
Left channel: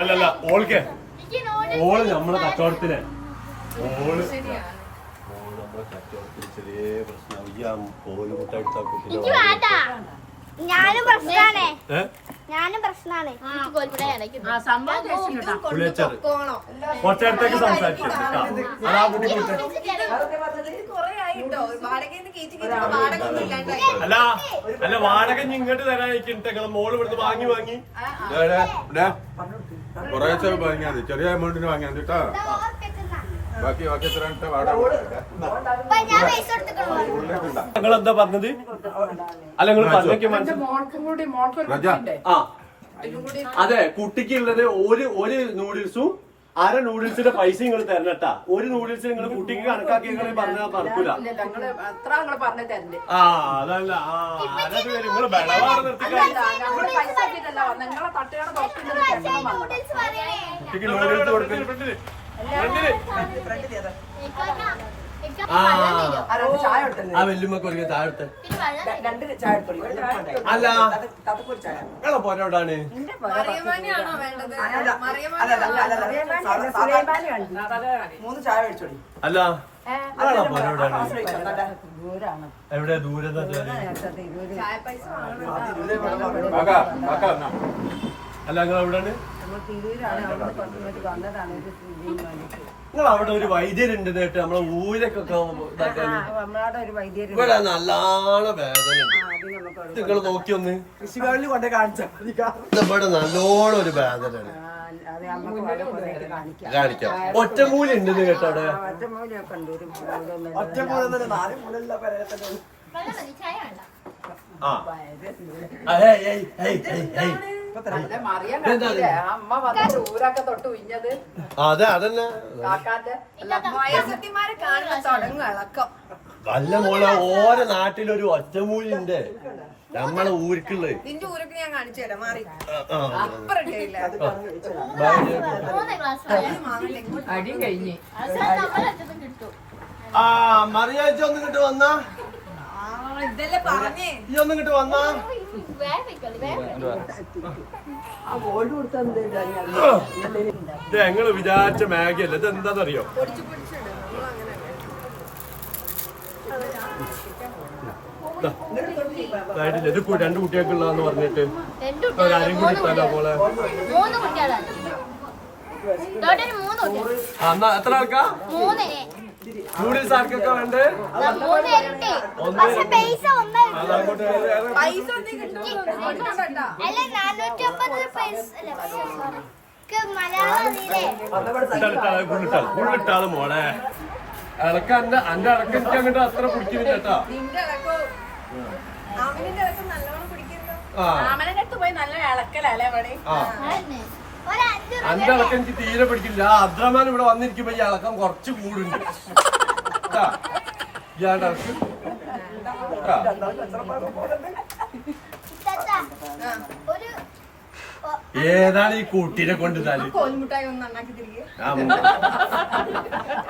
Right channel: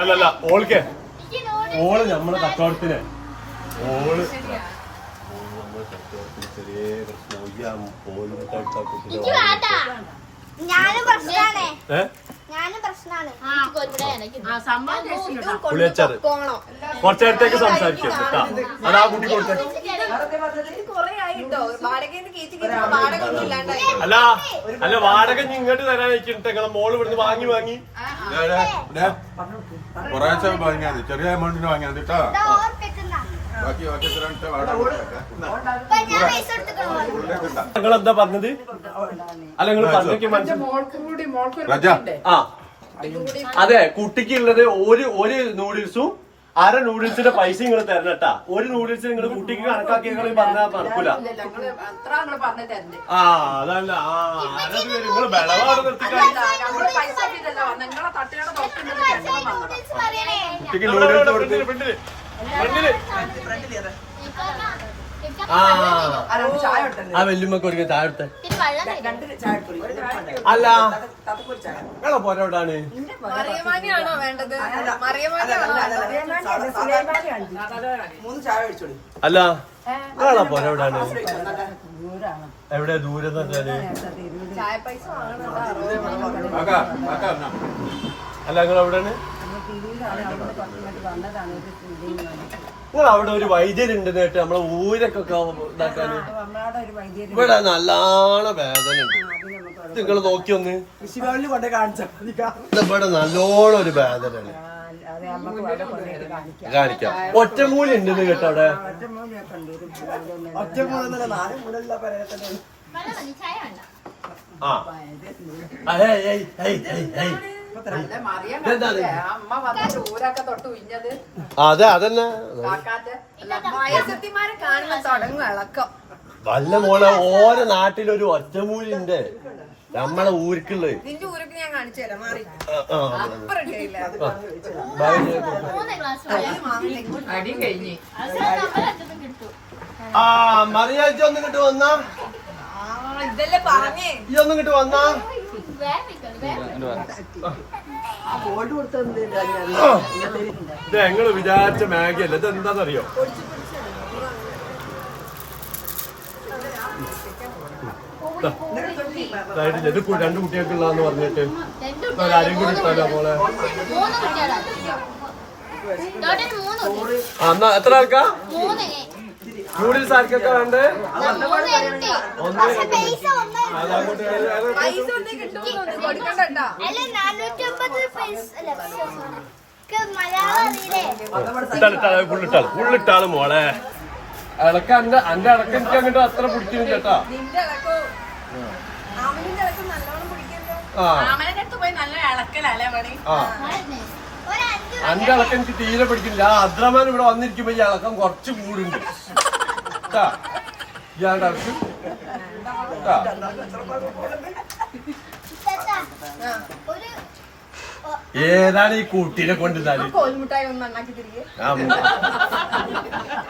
അല്ലല്ല ഓൾക്ക് എനിക്ക് നൂഡിൽസ് ഓള് നമ്മളെ കച്ചവടത്തിന് ഓള് ശരിയാണ് ഓള് നമ്മളെ കച്ചവടത്തിന് ചെറിയ പ്രശ്നം ഈ പോലും മുട്ട കുട്ടിന്റെ വേണ്ട ഞാനും പ്രശ്നാണ് ഏ ഞാനും പ്രശ്നാണ് ആ സംഭവം taste ഉണ്ട്. വിളിച്ചത് പോണോ കുറച്ച് നേരത്തേക്ക് സംസാരിച്ചു അതാ കുട്ടി കൊടുത്തത് കൊറേ ആയിട്ടോ വാടകയിൽ കയറ്റി കയറ്റി വാടക ഒന്നും ഇല്ലാണ്ടായി അല്ല അല്ല വാടക ഇനി ഇങ്ങോട്ട് തരാൻ വെച്ചിട്ട് നിങ്ങളെ മോള് ഇവിടുന്ന് വാങ്ങി കുറേശ്ശെ വാങ്ങിയാൽ മതി ചെറിയ എമൗണ്ടിന് വാങ്ങിയാൽ മതി കേട്ടോ ബാക്കി വാടക ഞാൻ പൈസ എടുത്തിട്ടുണ്ടോ നിങ്ങൾ എന്താ പറഞ്ഞത് അല്ല നിങ്ങൾ പറഞ്ഞൊക്കെ മനസ്സിലായി മോൾക്കും കൂടി മോൾക്കൊരു രാജ. കുട്ടിയുണ്ട്. ആ അതെ കുട്ടിക്കുള്ളത് ഒരു നൂഡിൽസും അര നൂഡിൽസിന്റെ പൈസ നിങ്ങൾ തരണട്ടാ ഒരു നൂഡിൽസ് നിങ്ങൾ കുട്ടിക്ക് കണക്കാക്കി നിങ്ങൾ പറഞ്ഞാൽ നടക്കൂല ഇല്ലല്ല, നിങ്ങള് അത്ര നിങ്ങള് പറഞ്ഞു തരണ്ടേ ആ അതല്ല ആ അരത് പേര് നിങ്ങൾ ബലവാട് നിർത്തിക്കാണി നമ്മള് പൈസ കിട്ടിയിട്ടല്ലോ നിങ്ങളെ തട്ടയുടെ ഡോക്ടറിന്റെ കെട്ടണം വന്നത് കുട്ടിക്ക് നൂഡിൽസ് കൊടുത്ത് ആ ആ വെല്ലുമ്മക്ക് ഒരു ചായ എടുത്ത് അല്ല നിങ്ങളെ പോരാടാണ് മറിയമാനിയാണോ വേണ്ടത് മൂന്ന് ചായ കഴിച്ചോളി അല്ല നിങ്ങളെ പോരാടാണ് എവിടെ ദൂരം ചായ പൈസ വാങ്ങണം അല്ല നിങ്ങൾ എവിടെയാണ് നിങ്ങൾ അവിടെ ഒരു വൈദ്യരുണ്ട് കേട്ട് നമ്മളെ ഊരൊക്കെ ഇതാക്കാന് ഇവിടെ നല്ലോണം വേദന ഉണ്ട് നിങ്ങൾ നോക്കി ഒന്ന് കൃഷിഭവനിൽ കൊണ്ട് കാണിച്ചാൽ ഇവിടെ നല്ലോണം ഒരു വേദനയാണ് കാണിക്കാം ഒറ്റമൂലി ഉണ്ടെന്ന് കേട്ടോ അവിടെ ഒറ്റ മൂന്നല്ല നാല് മൂന്നല്ല പരത്തന്നെ ചായ വേണ്ട ആ ഇതെന്താണ്? അമ്മ വന്നിട്ട് ഊരൊക്കെ തൊട്ട് ഉഞ്ഞത് അതെ അതന്നെ കാക്കാന്റെ വയസ്സത്തിമാര് കാണുന്ന തുടങ്ങും ഇളക്കം വല്ല മോളെ ഓരോ നാട്ടിലൊരു ഒറ്റമൂലിണ്ട് നമ്മളെ ഊർക്കുള്ളത് നിന്റെ ഊരൊക്കെ ഞാൻ കാണിച്ചു തരാം മാറി ആ ഇപ്പൊ റെഡി ആയില്ല മൂന്ന് ഗ്ലാസ് അടി കഴിഞ്ഞ് നമ്മളെത്തും കിട്ടും ആ മറിയാഴ്ച ഒന്നും കിട്ടു വന്നാ ഇതല്ലേ പറഞ്ഞേ ഈ ഒന്നും കിട്ടു വന്നാ ഇത് ഞങ്ങള് വിചാരിച്ച മാഗി അല്ല ഇത് എന്താന്നറിയോ ഇത് രണ്ടു കുട്ടികൾക്കുള്ളതെന്ന് പറഞ്ഞിട്ട് ഒരാരും കൂടി ഇട്ടാലോ മോളെ എന്നാ എത്ര ആൾക്കാ നൂഡിൽസ് ആർക്കൊക്കെ വേണ്ടേ ഒന്ന് അതങ്ങോട്ട് പൈസ ഒന്നും കിട്ടുമോ കൊടുക്കണ്ടോ അല്ല 450 പൈസ അല്ല സോറി മലയാളം അറിയില്ലേ ഫുള്ളിട്ടാണ് മോളെ അടക്ക അന്റെ അടക്കം എനിക്ക് അങ്ങോട്ട് അത്ര പിടിക്കുന്നില്ല ചേട്ടാ നിന്റെ ഇളക്കോ അവനിന്റെ ഇളക്കം നല്ലോണം പിടിക്കല്ലോ ആ അമ്മേന്റെ അടുത്ത് പോയി നല്ല ഇളക്കലല്ലേ പണി ആ അന്റെ അടക്കം എനിക്ക് തീരെ പിടിക്കില്ല ആ അദ്രമാൻ ഇവിടെ വന്നിരിക്കുമ്പോ ഈ അടക്കം കുറച്ച് കൂടുണ്ട് ഇയാളുടെ അടക്കം ഒരു ഏതാണ് ഈ കുട്ടീനെ കൊണ്ട് തലി കോൽമുട്ടായി ഒന്ന് ഉണ്ടാക്കി തിരികെ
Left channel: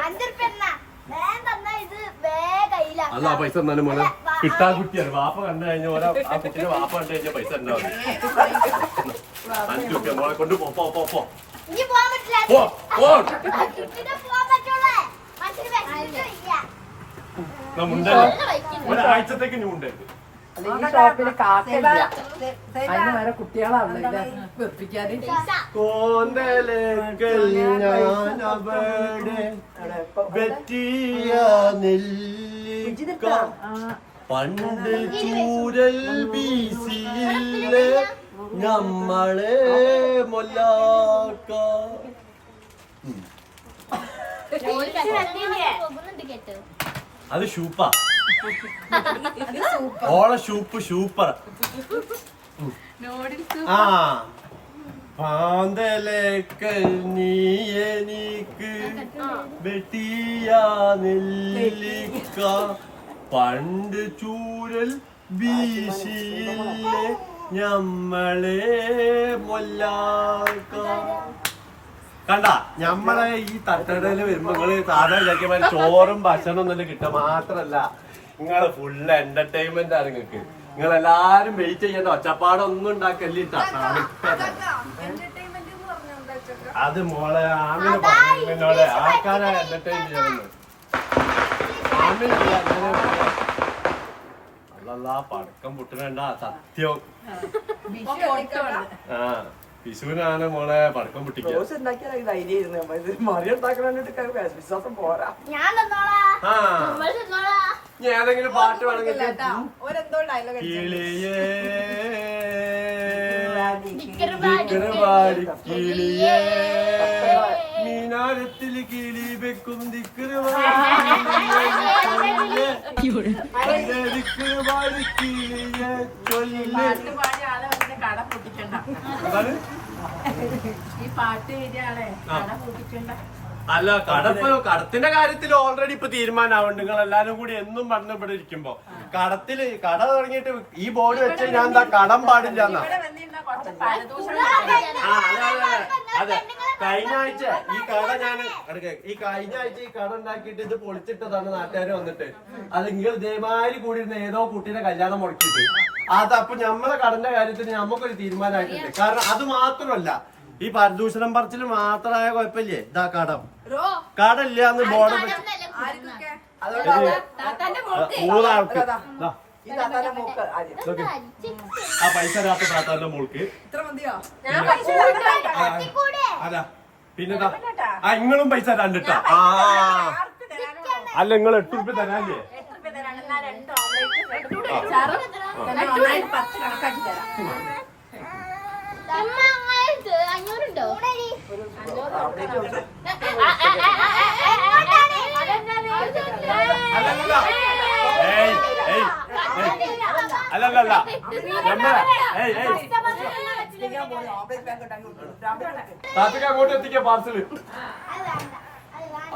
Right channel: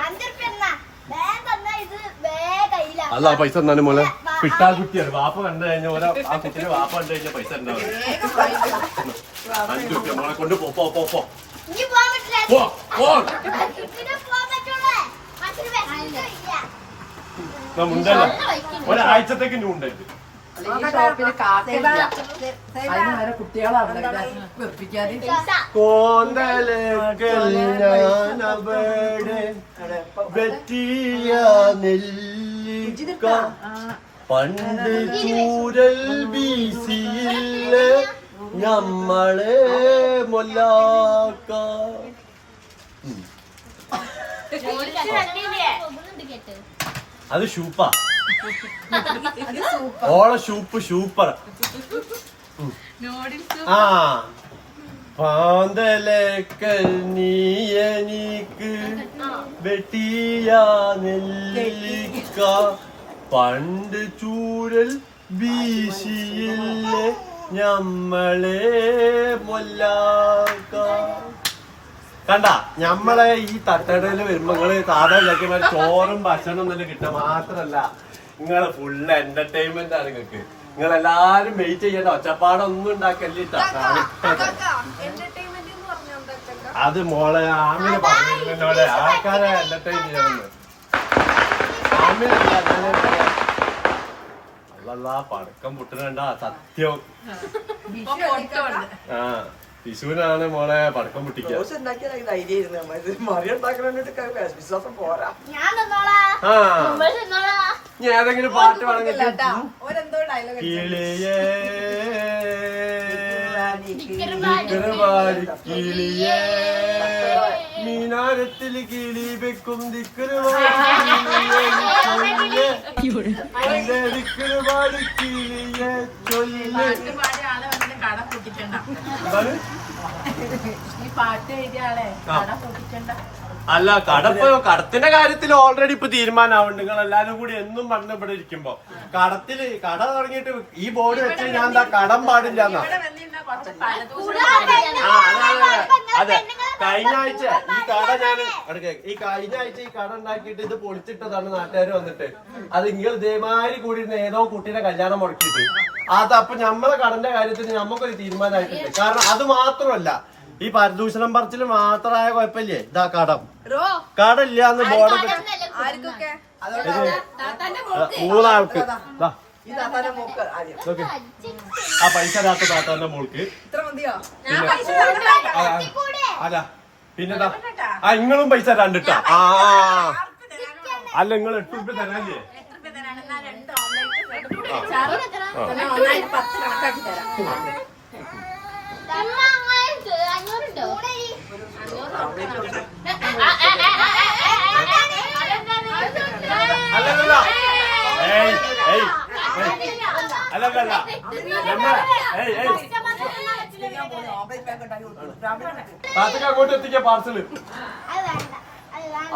5 എന്നാ വേഗം തന്നാ ഇത് വേഗയില്ല അല്ല പൈസ തന്നാലും മോളെ കിട്ടാ കുട്ടിയാണ് വാപ്പ കണ്ടു കഴിഞ്ഞാൽ ഓരോ ആ കുട്ടീനെ വാപ്പ കണ്ടു കഴിഞ്ഞാൽ പൈസ ഉണ്ടാവും 5 രൂപ മോളെ കൊണ്ട് പോ ഇനി പോവാൻ പറ്റില്ല. പോ പോ ഇതിനെ പോവാൻ പറ്റുള്ളൂ. മറ്റൊരു വിഷമമില്ല. മുണ്ടല്ല ഒരാഴ്ചത്തേക്ക് ഇനി ഉണ്ടല്ലേ ഈ ഷോപ്പില് കാക്കയില്ല. അതിന് വേറെ കുട്ടികളാവില്ല വെപ്പിക്കാന്. കോന്തലേക്കൽ ഞാനവിടെ വെറ്റിയ നെല്ലിക്ക പണ്ട് ചൂരൽ വീശിയില്ല നമ്മളെ മൊല്ലാക്ക. അത് ഷൂപ്പാ, ഓളെ ഷൂപ്പർ. ആ പാന്തലേക്കൽ നീ എനിക്ക് വെട്ടിയ നെല്ലിക്ക പണ്ട് ചൂരൽ വീശിയില്ലേ ഞമ്മളെ മൊല്ലാക്ക. കണ്ട ഞമ്മളെ ഈ തട്ടടയില് വരുമ്പോ നിങ്ങള് സാധാ വിചാരിക്കുമ്പോൾ ചോറും ഭക്ഷണം ഒന്നും കിട്ടുക മാത്രല്ല, നിങ്ങള് ഫുള്ള് എന്റർടൈൻമെന്റ് ആണ് നിങ്ങൾക്ക്. നിങ്ങൾ എല്ലാരും വെയിറ്റ് ചെയ്യേണ്ട, ഒച്ചപ്പാടൊന്നും ഉണ്ടാക്കല്ലിട്ടാ. അത് മോളെ ആമിന് പറഞ്ഞോടെ ആൾക്കാരെ എന്റർടൈൻ ചെയ്യണമെന്ന്. ആമിനല്ല ഞാനേ പറയാം. അല്ലല്ല പടക്കം പൊട്ടുന്നുണ്ടാ സത്യം. ആ വിഷുവിനാണ് മോളെ പടക്കം പൊട്ടിക്കുക. ഞാൻ തന്നോളാം. നമ്മൾ തന്നോളാം. ഞാൻ ഏതെങ്കിലും പാട്ട് വേണമെങ്കിൽ ഓരെന്തോ ഡയലോഗ് കിളിയേ ദിക്കറുപാടി കിളിയേ മീനാരത്തിൽ കിളി വെക്കും ദിക്കറുപാടി കിളിയേ ദിക്കറുപാടി കിളിയേ ചൊല്ല്. കട പൊട്ടിക്കണ്ട. എന്താണ് ഈ പാട്ട് എഴുതിയ ആളെ കട പൊട്ടിക്കണ്ട. അല്ല കടത്തിന്റെ കാര്യത്തിൽ ഓൾറെഡി ഇപ്പൊ തീരുമാനമാവുണ്ട്. നിങ്ങൾ എല്ലാരും കൂടി എന്നും പറഞ്ഞ ഇവിടെ ഇരിക്കുമ്പോ കട തുടങ്ങിയിട്ട് ഈ ബോർഡ് വെച്ച് ഞാൻ എന്താ കടം പാടില്ല എന്നാ. അതെ കഴിഞ്ഞ ആഴ്ച ഈ കട ഉണ്ടാക്കിയിട്ട് ഇത് പൊളിച്ചിട്ടതാണ് നാട്ടുകാർ വന്നിട്ട്. അത് നിങ്ങൾ ഇതേമാതിരി കൂടി ഇരുന്ന് ഏതോ കുട്ടീനെ കല്യാണം മുടക്കിയിട്ട് അത് അപ്പൊ നമ്മളെ കടന്റെ കാര്യത്തിൽ നമുക്കൊരു തീരുമാനമായിട്ടുണ്ട്. കാരണം അത് മാത്രമല്ല ഈ പരിദൂഷണം പറച്ചിൽ മാത്രമായ കുഴപ്പമില്ലേ. ഇതാ കടമില്ല എന്ന് ബോർഡ് വെച്ച് മൂന്നാൾക്ക് ആ പൈസ ഇല്ലാത്ത താത്താന്റെ മോൾക്ക്. അല്ല പിന്നെ നിങ്ങളും പൈസ കണ്ടിട്ടാ. അല്ല നിങ്ങൾ 8 രൂപ തരാല്ലേ. അല്ലല്ല അല്ലല്ല നമ്മളെ താത്തക്ക് അങ്ങോട്ട് എത്തിക്കാ പാർസല്.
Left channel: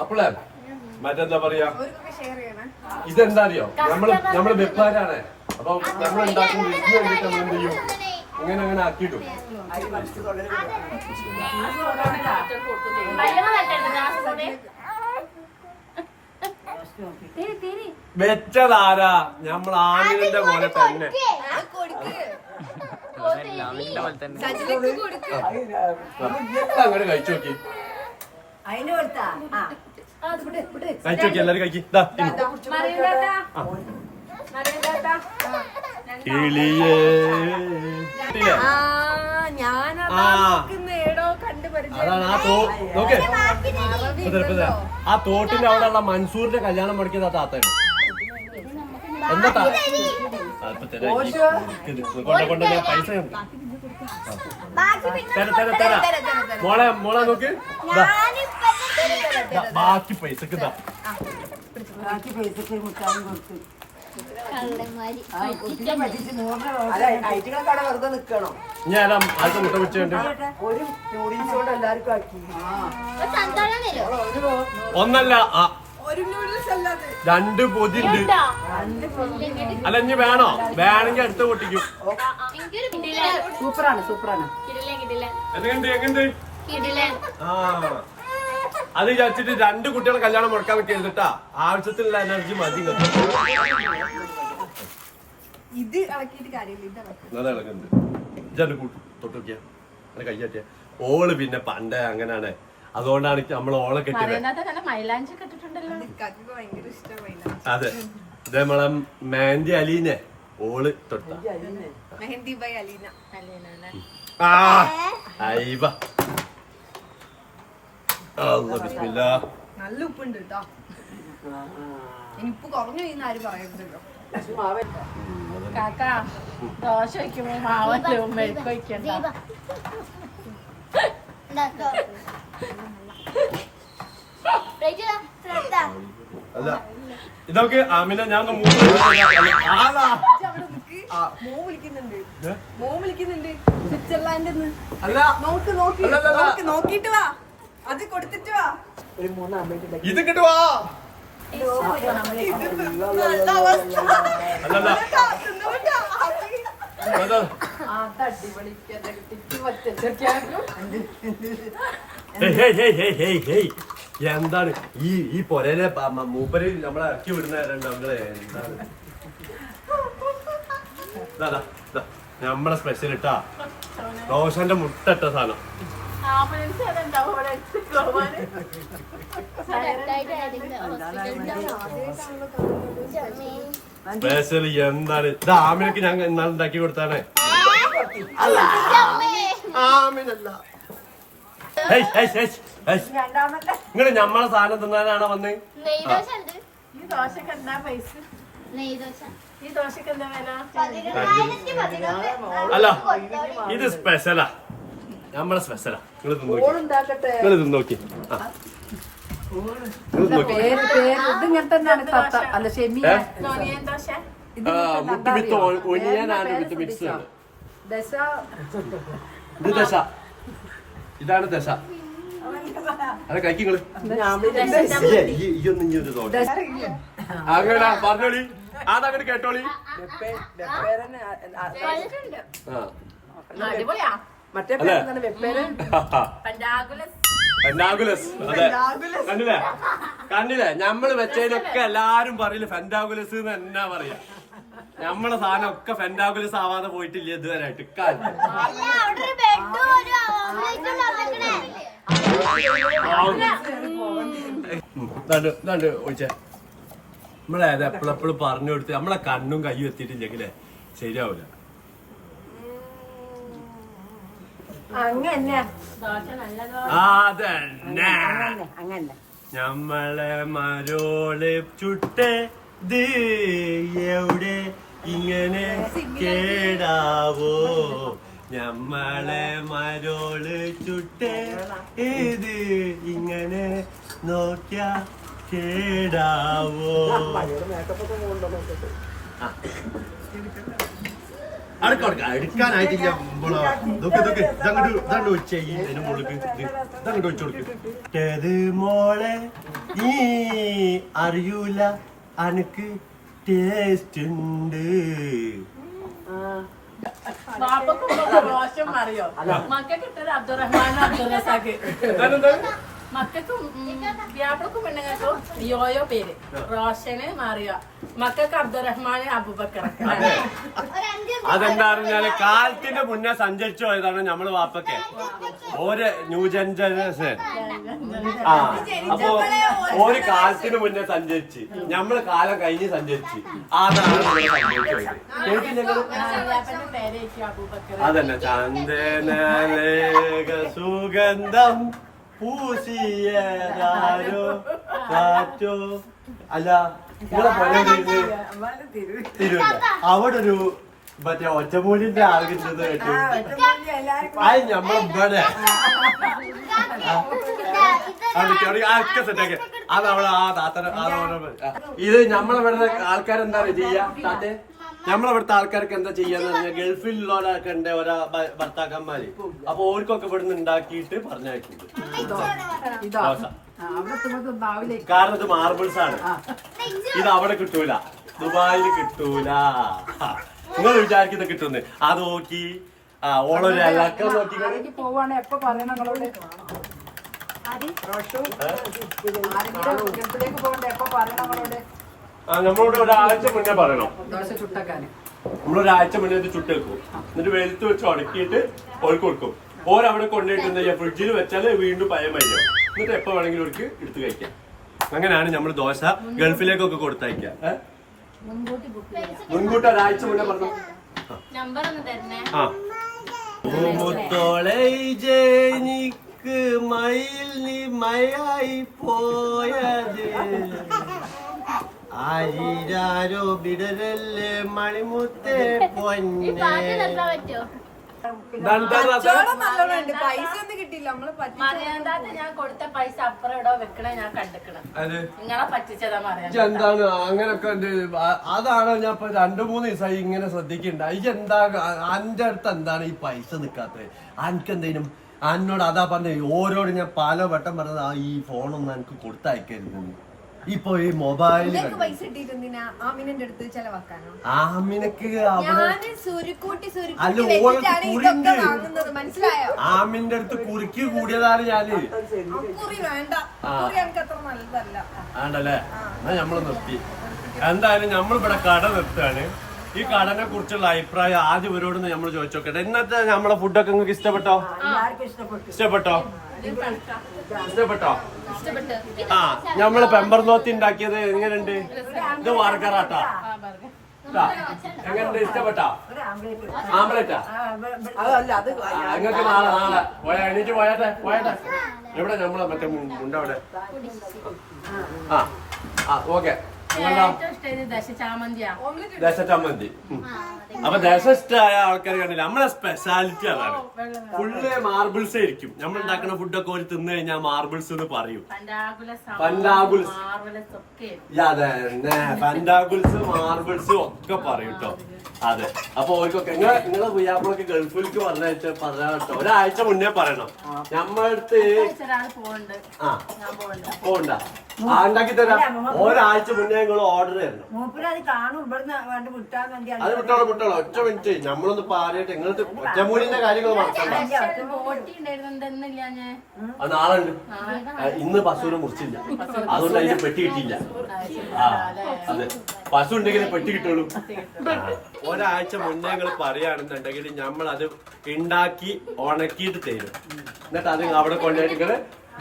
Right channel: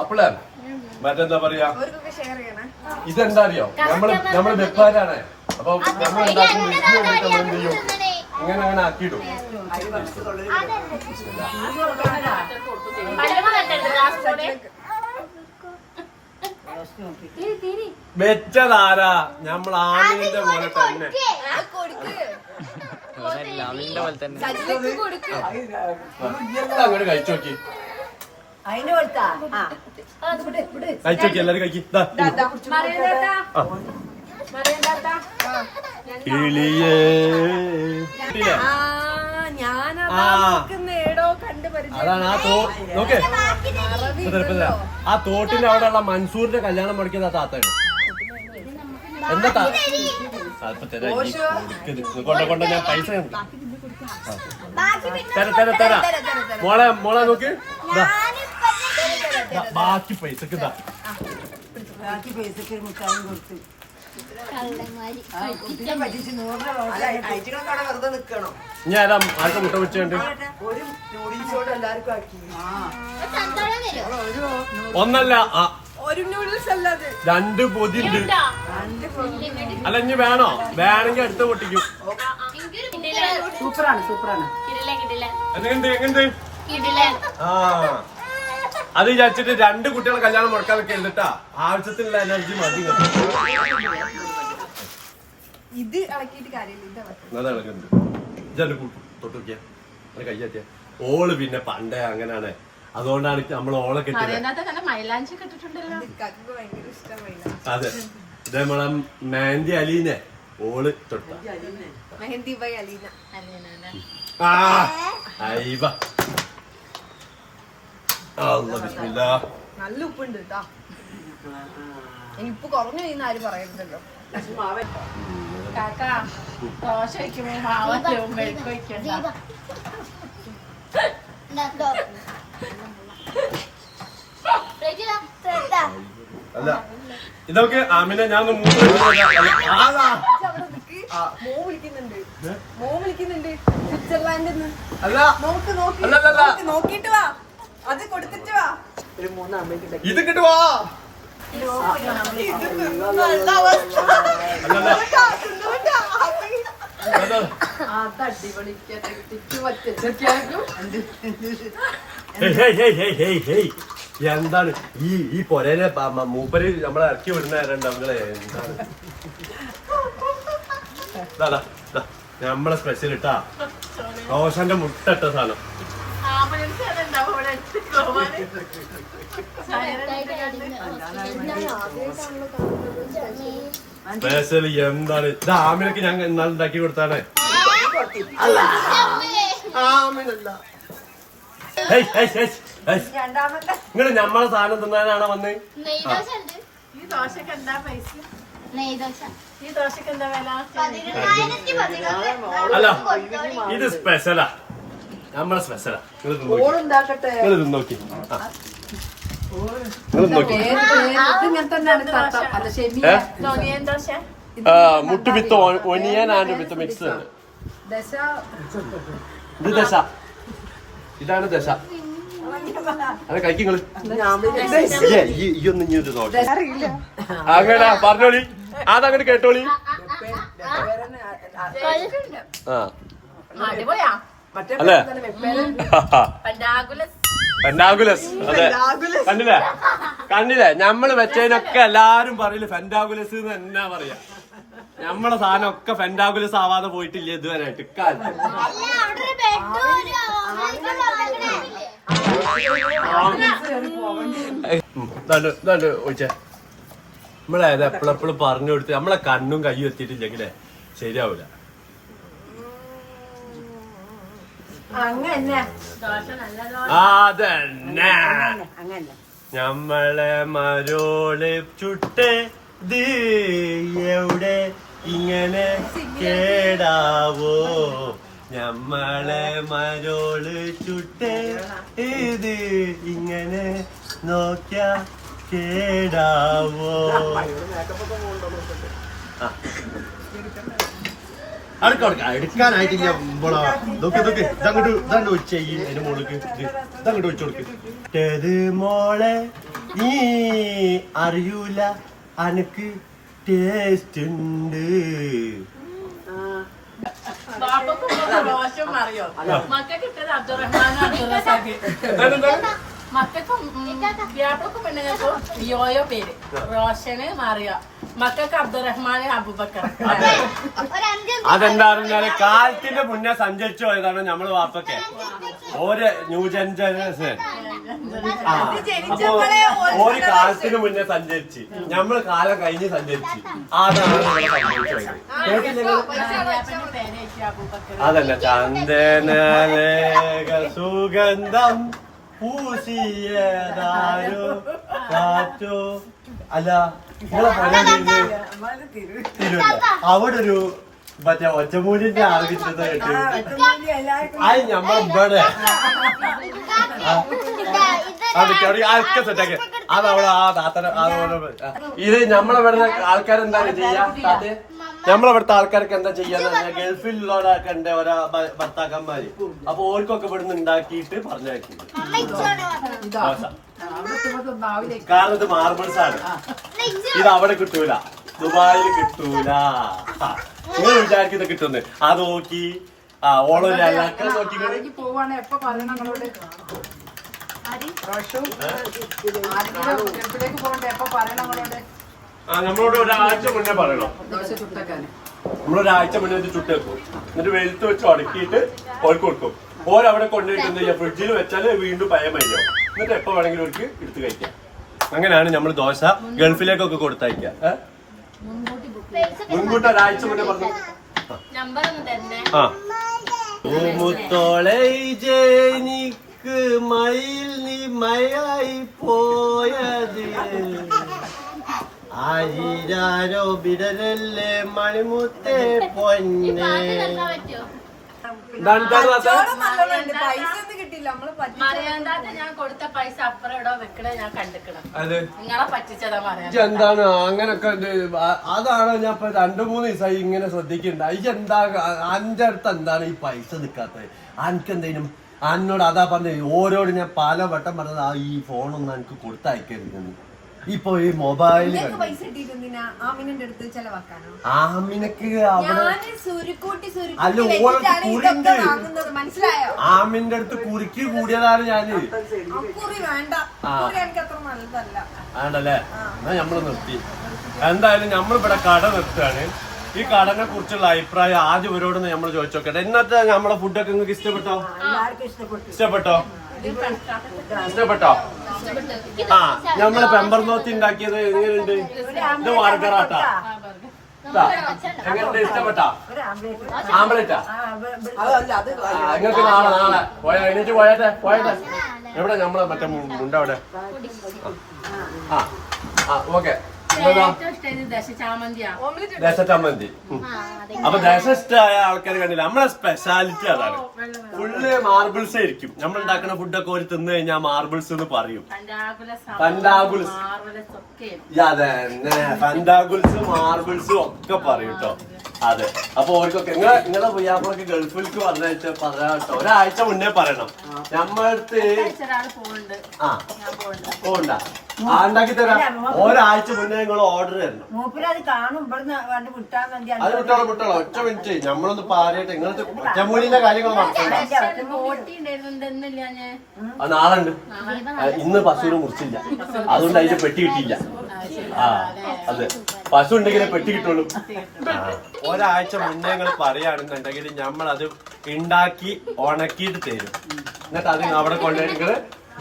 അപ്പളേ മറ്റെന്താ പറയാ, ഇതെന്താ അറിയോ, നമ്മള് വെപ്പാരാണ്. അപ്പൊ നമ്മൾ ഉണ്ടാക്കുന്ന വീട്ടിൽ വേണ്ടിട്ട് നമ്മൾ എന്ത് ചെയ്യും, ഇങ്ങനെ ആക്കിയിടും. വെച്ചതാരാ, നമ്മൾ ആമിന്റെ പോലെ തന്നെ. അങ്ങോട്ട് കഴിച്ചു നോക്കി, കഴിച്ചു നോക്കി എല്ലാരും കഴിക്കി. കിളിയേ അതാണ് ആ നോക്കേ, ആ തോട്ടിന്റെ അവിടെ ഉള്ള മൻസൂറിന്റെ കല്യാണം മുടക്കിയത് ആ താത്തയാണ്. എന്താ കൊണ്ട് ഞാൻ പൈസ തരാം. മോളെ നോക്ക്, ബാക്കി പൈസക്ക് ഇതാ. ഞാൻ ആൾക്ക് മുട്ട വെച്ചുണ്ട്. ഒന്നല്ല 2 പൊതിണ്ട്. അല്ല ഇനി വേണോ, വേണമെങ്കിൽ അടുത്ത് പൊട്ടിക്കും. സൂപ്പറാണ് എങ്ങനെയുണ്ട്? ആ അത് വിചാരിച്ചിട്ട് 2 കുട്ടികളെ കല്യാണം മുടക്കാൻ വെക്കരുതിട്ടാ. ആവശ്യത്തിനുള്ള എനർജി മതി. ഇത് ഇളക്കിയിട്ട് കാര്യമില്ല. അത് ഇളകുന്നുണ്ട്. ജല കൂട്ടും തൊട്ട് നോക്കിയാ കയ്യാറ്റിയ ഓള് പിന്നെ പണ്ടേ അങ്ങനെയാണ്, അതുകൊണ്ടാണ് നമ്മൾ ഓളെ കെട്ടിയത്. അതിനകത്ത് നല്ല മൈലാഞ്ചി കെട്ടിട്ടുണ്ടല്ലോ. ഇക്കാക്ക് ഭയങ്കര ഇഷ്ടം മൈലാഞ്ചി. അതെ, ഇത് നമ്മളെ മെഹന്തി അലീനെ ഓള് തൊട്ട. മെഹന്തി ബൈ അലീന. ആ അയ്യബ അല്ലാഹ് ബിസ്മില്ലാ. നല്ല ഉപ്പുണ്ട് കേട്ടോ. ഇനി ഉപ്പ് കുറഞ്ഞു കഴിഞ്ഞാൽ ആരും പറയരുതല്ലോ. കാക്ക ദോശ വയ്ക്കുമ്പോ മാവറ്റവും മെഴുക്ക് വയ്ക്കണ്ട. അല്ല ഇതൊക്കെ ആമിന ഞാൻ മോ വിളിക്കുന്നുണ്ട്, മോ വിളിക്കുന്നുണ്ട് സ്വിറ്റ്സർലാൻഡിന്ന്. അല്ല നോക്കിട്ട് വാ, അത് കൊടുത്തിട്ട് വാ. ഇത് കിട്ടുവാ. അല്ലല്ല എന്താണ് ഈ പൊരയിലെ മൂപ്പര് നമ്മളെ ഇറക്കി വിടുന്നവരുണ്ട് അവങ്ങളെ. എന്താണ് നമ്മളെ സ്പെഷ്യൽ ഇട്ടാ റോഷന്റെ മുട്ട ഇട്ട സാധനം. സ്പെഷ്യൽ എന്താണ് ഇത്? ആമിനക്ക് ഞാൻ ഇന്നാൾ ഉണ്ടാക്കി കൊടുത്താണ്. ആമിനല്ല, നിങ്ങള് ഞമ്മളെ സാധനം തിന്നാനാണോ വന്ന്? ഈ ദോശക്ക് എന്താ പൈസ? ഈ ദോശക്ക് എന്താ വില? അല്ല ഇത് സ്പെഷ്യലാ, നമ്മളെ സ്പെഷ്യലാ. നിങ്ങൾ തിന്നോക്കി, സോനിയൻ ദോശ. മുട്ട് വിത്ത് ഒനിയൻ ആൻഡ് വിത്ത് മിക്സ്. ഇത് ദശ, ഇതാണ് ദശ. അത് കഴിക്കുങ്ങള് ഇയൊന്നും ഇഞ്ഞൊരു ദോശ അങ്ങനെ പറഞ്ഞോളി, അതങ്ങോട്ട് കേട്ടോളി. അടിപൊളിയാ. അല്ലേ പണ്ടാകുലസ്. ഫെൻഡാഗുലസ്. അതെ, കണ്ടില്ലേ കണ്ടില്ലേ ഞമ്മള് വെച്ചതിനൊക്കെ എല്ലാരും പറയില്ല ഫെൻഡാഗുലസ് എന്ന് എന്നാ പറയാ. നമ്മളെ സാധനം ഒക്കെ ഫെൻഡാഗുലസ് ആവാതെ പോയിട്ടില്ല ഇതുവരെയായിട്ട്. ഒഴിച്ച നമ്മളേത് എപ്പോഴെപ്പോഴും പറഞ്ഞു കൊടുത്ത് നമ്മളെ കണ്ണും കയ്യും എത്തിയിട്ടില്ലെങ്കിലേ ശരിയാവൂല. അതന്നെ നമ്മളെ മരോള് ചുട്ട് എവിടെ ഇങ്ങനെ കേടാവോ, നമ്മളെ മരോള് ചുട്ട് ഇത് ഇങ്ങനെ നോക്കിയ കേടാവോ. എടുക്കാനായിട്ടില്ല ഇതങ്ങോട്ട് വെച്ചേക്കും. അതിന് മോൾക്ക് ഇതങ്ങോട്ട് വെച്ചു കൊടുക്ക്. മോളെ നീ അറിയൂല അനക്ക് ടേസ്റ്റ് ഉണ്ട്. മക്കൾക്കും വ്യാപക്കും പെണ്ണുങ്ങൾക്കും യോയോ പേര് റോഷന് മാറിയ, മക്കൾക്ക് അബ്ദുറഹ്മാൻ അബൂബക്കർ. അതെന്താ പറഞ്ഞാല് കാലത്തിന്റെ മുന്നേ സഞ്ചരിച്ചു പോയതാണ് നമ്മള് വാപ്പൊക്കെ, ഓരോ ന്യൂ ജനറേഷൻ. ആ അപ്പൊ ഒരു കാലത്തിന് മുന്നേ സഞ്ചരിച്ച് നമ്മള് കാലം കഴിഞ്ഞ് സഞ്ചരിച്ച്, അതാണ് ഇവിടെ സംഭവിച്ചത്. അതല്ല ചന്ദനലേഖ സുഗന്ധം പൂശിയതാരു കാറ്റോ. അല്ല നിങ്ങളെ തിരുവല്ല അവിടെ ഒരു മറ്റേ ഒറ്റമൂലിന്റെ ആവശ്യത കേട്ടു. അത് ഞമ്മളിവിടെ ഒക്കെ സെറ്റാക്കി അതവിടെ ആ താത്തന ഇത് ഞമ്മളിവിടെ ആൾക്കാരെന്താണ് ചെയ്യാ? ഞമ്മളിവിടുത്തെ ആൾക്കാർക്ക് എന്താ ചെയ്യാന്ന് പറഞ്ഞാൽ ഗൾഫിലുള്ളവരൊക്കെ ഉണ്ട് ഓരോ ഭർത്താക്കന്മാര്. അപ്പൊ ഓർക്കൊക്കെ ഇവിടുന്ന് ഉണ്ടാക്കിയിട്ട് പറഞ്ഞയക്കും. കാരണം ഇത് മാർബിൾസ് ആണ്, ഇത് അവിടെ കിട്ടൂല, ദുബായിൽ കിട്ടൂല. നിങ്ങൾ വിചാരിക്കുന്നത് കിട്ടുന്നു അത് നോക്കി ഓളൊരു അല്ലാക്കൾ നോക്കി പോവാണ്. എപ്പോ പറയണം നിങ്ങളോട്? ഗൾഫിലേക്ക് പോകണ്ടേ? എപ്പോ പറയണം നിങ്ങളോട്? നമ്മളോട് ഒരാഴ്ച മുന്നേ പറയണം. ദോശ ചുട്ടക്കാന് നമ്മളൊരാഴ്ച മുന്നേ ഇത് ചുട്ടെടുക്കും, എന്നിട്ട് വെളുത്ത് വെച്ച് ഉടക്കിയിട്ട് ഓൾക്ക് കൊടുക്കും. ഓരവിടെ കൊണ്ടുപോയിട്ട് ഫ്രിഡ്ജിൽ വെച്ചാൽ വീണ്ടും പഴയ മൈനാവും. എന്നിട്ട് എപ്പോ വേണമെങ്കിലും അവർക്ക് എടുത്ത് കഴിക്കാം. അങ്ങനെയാണ് നമ്മൾ ദോശ ഗൾഫിലേക്കൊക്കെ കൊടുത്തയക്കാം. മുൻകൂട്ടി ഒരാഴ്ച മുന്നേ പറഞ്ഞു. നമ്പർ ഒന്ന് തരണേ. ആ മുത്തോളെ ജനിക്ക് മയിൽ നീ മയായി പോയത് ആയിരാരോ ബിടലല്ലേ മണിമുത്തേ പൊന്നെ. കച്ചവടം നല്ലോണം ഉണ്ട്. പൈസ ഒന്നും കിട്ടിയില്ല. നമ്മള് മറിയാണ്ടാത്ത ഞാൻ കൊടുത്ത പൈസ അപ്പുറം ഇടോ വെക്കണേ ഞാൻ കണ്ടിക്കണം. അത് നിങ്ങളെ പറ്റിച്ചതാ മറിയാണ്ട. എന്താണ് അങ്ങനൊക്കെ അതാണ് ഞാൻ ഇപ്പൊ 2-3 ദിവസമായി ഇങ്ങനെ ശ്രദ്ധിക്കണ്ട. ഇതെന്താ അന്റെ അടുത്ത് എന്താണ് ഈ പൈസ നിക്കാത്തത്? അനക്കെന്തേലും എന്നോട് അതാ പറഞ്ഞത്. ഓരോട് ഞാൻ പല വട്ടം പറഞ്ഞത് ഈ ഫോണൊന്നും എനിക്ക് കൊടുത്തയക്കരുതെന്ന്. ഇപ്പൊ ഈ മൊബൈല് പൈസ കിട്ടിയിട്ടെന്തിനാ ആമിനന്റെ അടുത്ത് ചെലവാക്കാനോ? ആമിനക്ക് അവിടെ ഞാന് സുരുക്കൂട്ടി അല്ല, സുരുക്കൂട്ടി ഓളെ വെച്ചിട്ടാണ് കുറി ഇതൊക്കെ ഉണ്ട്. വാങ്ങുന്നത്. മനസ്സിലായോ? ആമിന്റെ അടുത്ത് കുറിക്ക് കൂടിയതാണ് ഞാന്. കുറി വേണ്ട. കുറി എനിക്ക് അത്ര നല്ലതല്ല. ആണല്ലേ? എന്നാ നമ്മള് നിർത്തി. എന്തായാലും നമ്മളിവിടെ കട നിർത്തുകയാണ്. ഈ കടനെ കുറിച്ചുള്ള അഭിപ്രായം ആദ്യം ഇവരോട് നമ്മൾ ചോദിച്ചോക്കട്ടെ. ഇന്നത്തെ നമ്മളെ ഫുഡൊക്കെ നിങ്ങൾക്ക് ഇഷ്ടപ്പെട്ടോ? ഇഷ്ടപ്പെട്ടോ? ആ നമ്മളെ പെമ്പർനോത്തി ഉണ്ടാക്കിയത് എങ്ങനെയുണ്ട്? ഇത് വാർക്കറാട്ടാ. എങ്ങനെയുണ്ട്? ഇഷ്ടപ്പെട്ടോ? ആംബ്ലേറ്റാ? നിങ്ങൾക്ക് നാളെ പോയാ എണീറ്റ് പോയട്ടെ. എവിടെ നമ്മളെ മറ്റേ മുണ്ട അവിടെ? ആ ഓക്കെ. ദേശച്ചമ്മന്തി. അപ്പൊ ദേശം ഇഷ്ടമായ ആൾക്കാർ കണ്ടില്ല. നമ്മളെ സ്പെഷ്യാലിറ്റി അതാണ്. ഫുള്ള് മാർബിൾസ് ആയിരിക്കും. നമ്മൾ ഉണ്ടാക്കുന്ന ഫുഡൊക്കെ ഒരു തിന്നു കഴിഞ്ഞാൽ മാർബിൾസ് എന്ന് പറയും. പണ്ടാഗുൽസ്, അതെ, പണ്ടാഗുൽസ് മാർബിൾസും ഒക്കെ പറയും കേട്ടോ. അതെ. അപ്പൊ ഓർക്കൊക്കെ നിങ്ങളെ പുയ്യാപ്പളൊക്കെ ഗൾഫിലേക്ക് പറയാം കേട്ടോ. ഒരാഴ്ച മുന്നേ പറയണം. നമ്മളടുത്ത് പോണ്ട ഉണ്ടാക്കി തരാം. ഒരാഴ്ച മുന്നേ നിങ്ങൾ ഓർഡർ തരണം. അത് വിട്ടോളൂ. ഒറ്റ മിനിറ്റ് നമ്മളൊന്ന് പറയട്ടെ. നിങ്ങൾക്ക് ഒറ്റമൂലിന്റെ കാര്യങ്ങൾ മറക്കണ്ട. അത് നാളെ ഉണ്ട്. ഇന്ന് പശുവിനെ മുറിച്ചില്ല, അതുകൊണ്ട് അതിന്റെ പെട്ടി കിട്ടിയില്ല. ആ അതെ, പശു ഉണ്ടെങ്കിലേ പെട്ടി കിട്ടുള്ളൂ. ഒരാഴ്ച മുന്നേ നിങ്ങൾ പറയുകയാണെന്നുണ്ടെങ്കിൽ നമ്മളത് ഉണ്ടാക്കി ഉണക്കിയിട്ട് തരും. എന്നിട്ട് അത് അവിടെ കൊണ്ടുപോയിട്ട് നിങ്ങൾ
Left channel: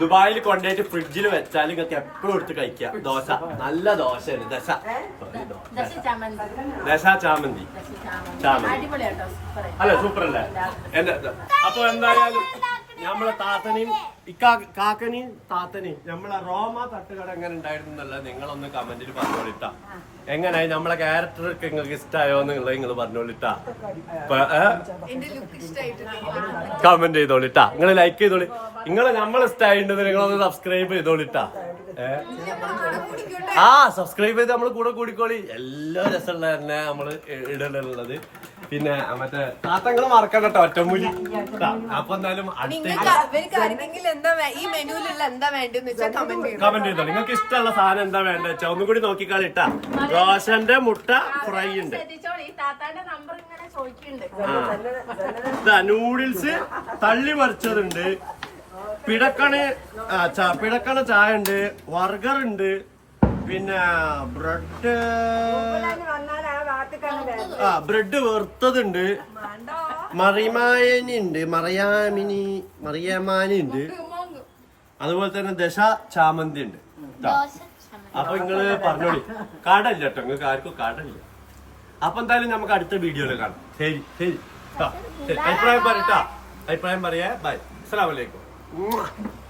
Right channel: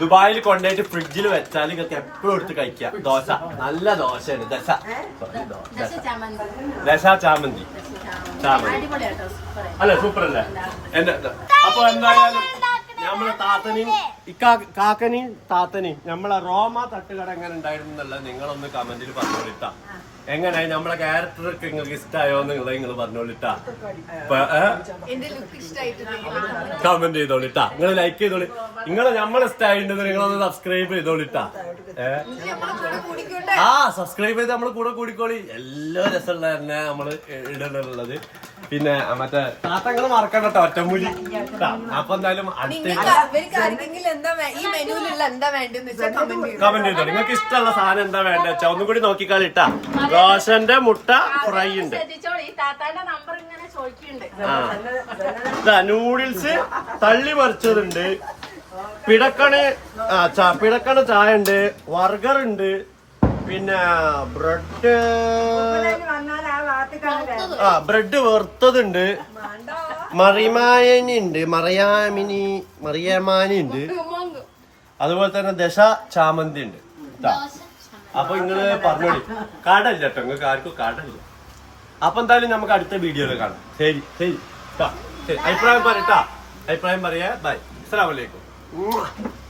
ദുബായിൽ കൊണ്ടുപോയിട്ട് ഫ്രിഡ്ജിൽ വെച്ചാൽ നിങ്ങൾക്ക് എപ്പോഴും എടുത്ത് കഴിക്കാം. ദോശ നല്ല ദോശയാണ്. ദശ ചാമന്തി അല്ല, സൂപ്പർ അല്ലേ? അപ്പൊ എന്തായാലും നമ്മളെ താത്തനെയും കാക്കനെയും താത്തനെയും നമ്മളെ റോമ തട്ടുകട എങ്ങനെ ഉണ്ടായിരുന്നു എന്നല്ല നിങ്ങളൊന്ന് കമന്റിൽ പറഞ്ഞോളിട്ടാ. എങ്ങനെയായി നമ്മളെ ക്യാരക്ടറൊക്കെ നിങ്ങൾക്ക് ഇഷ്ടമായോ എന്നുള്ളത് നിങ്ങൾ പറഞ്ഞോളിട്ടാ. കമന്റ് ചെയ്തോളിട്ടാ. നിങ്ങൾ ലൈക്ക് ചെയ്തോളി. നിങ്ങൾ നമ്മളെ ഇഷ്ടമായിട്ടുണ്ടെന്ന് നിങ്ങളൊന്ന് സബ്സ്ക്രൈബ് ചെയ്തോളിട്ടാ. സബ്സ്ക്രൈബ് ചെയ്ത് നമ്മൾ കൂടെ കൂടിക്കോളി. എല്ലാ രസമുള്ള തന്നെ നമ്മള് ഇടലുള്ളത്. പിന്നെ മറ്റേ താത്തങ്ങൾ മറക്കണ്ട കേട്ടോ, ഒറ്റമൂലി. അപ്പൊ എന്തായാലും കമന്റ് ചെയ്തോ. നിങ്ങൾക്ക് ഇഷ്ടമുള്ള സാധനം എന്താ വേണ്ട വെച്ചാ ഒന്നും കൂടി നോക്കിക്കാളിട്ടാ. റോഷന്റെ മുട്ട ഫ്രൈ ഉണ്ട്. നൂഡിൽസ് തള്ളി മറിച്ചതുണ്ട്. പിടക്കണ ചായ ഉണ്ട്. ബർഗർ ഉണ്ട്. പിന്നെ ബ്രെഡ് വറുത്തതുണ്ട്. മറിമാനി ഉണ്ട്. മറിയമാനി ഉണ്ട്. അതുപോലെ തന്നെ ദശ ചാമന്തി ഉണ്ട്. അപ്പൊ നിങ്ങള് പറഞ്ഞോളി. കടല്ല കേട്ടോ, നിങ്ങൾക്ക് ആർക്കും കടല്ല. അപ്പൊ എന്തായാലും നമുക്ക് അടുത്ത വീഡിയോയിൽ കാണാം. ശരി. അഭിപ്രായം പറയട്ടാ. അഭിപ്രായം പറയാ. ബൈ. അസ്സലാമു അലൈക്കും.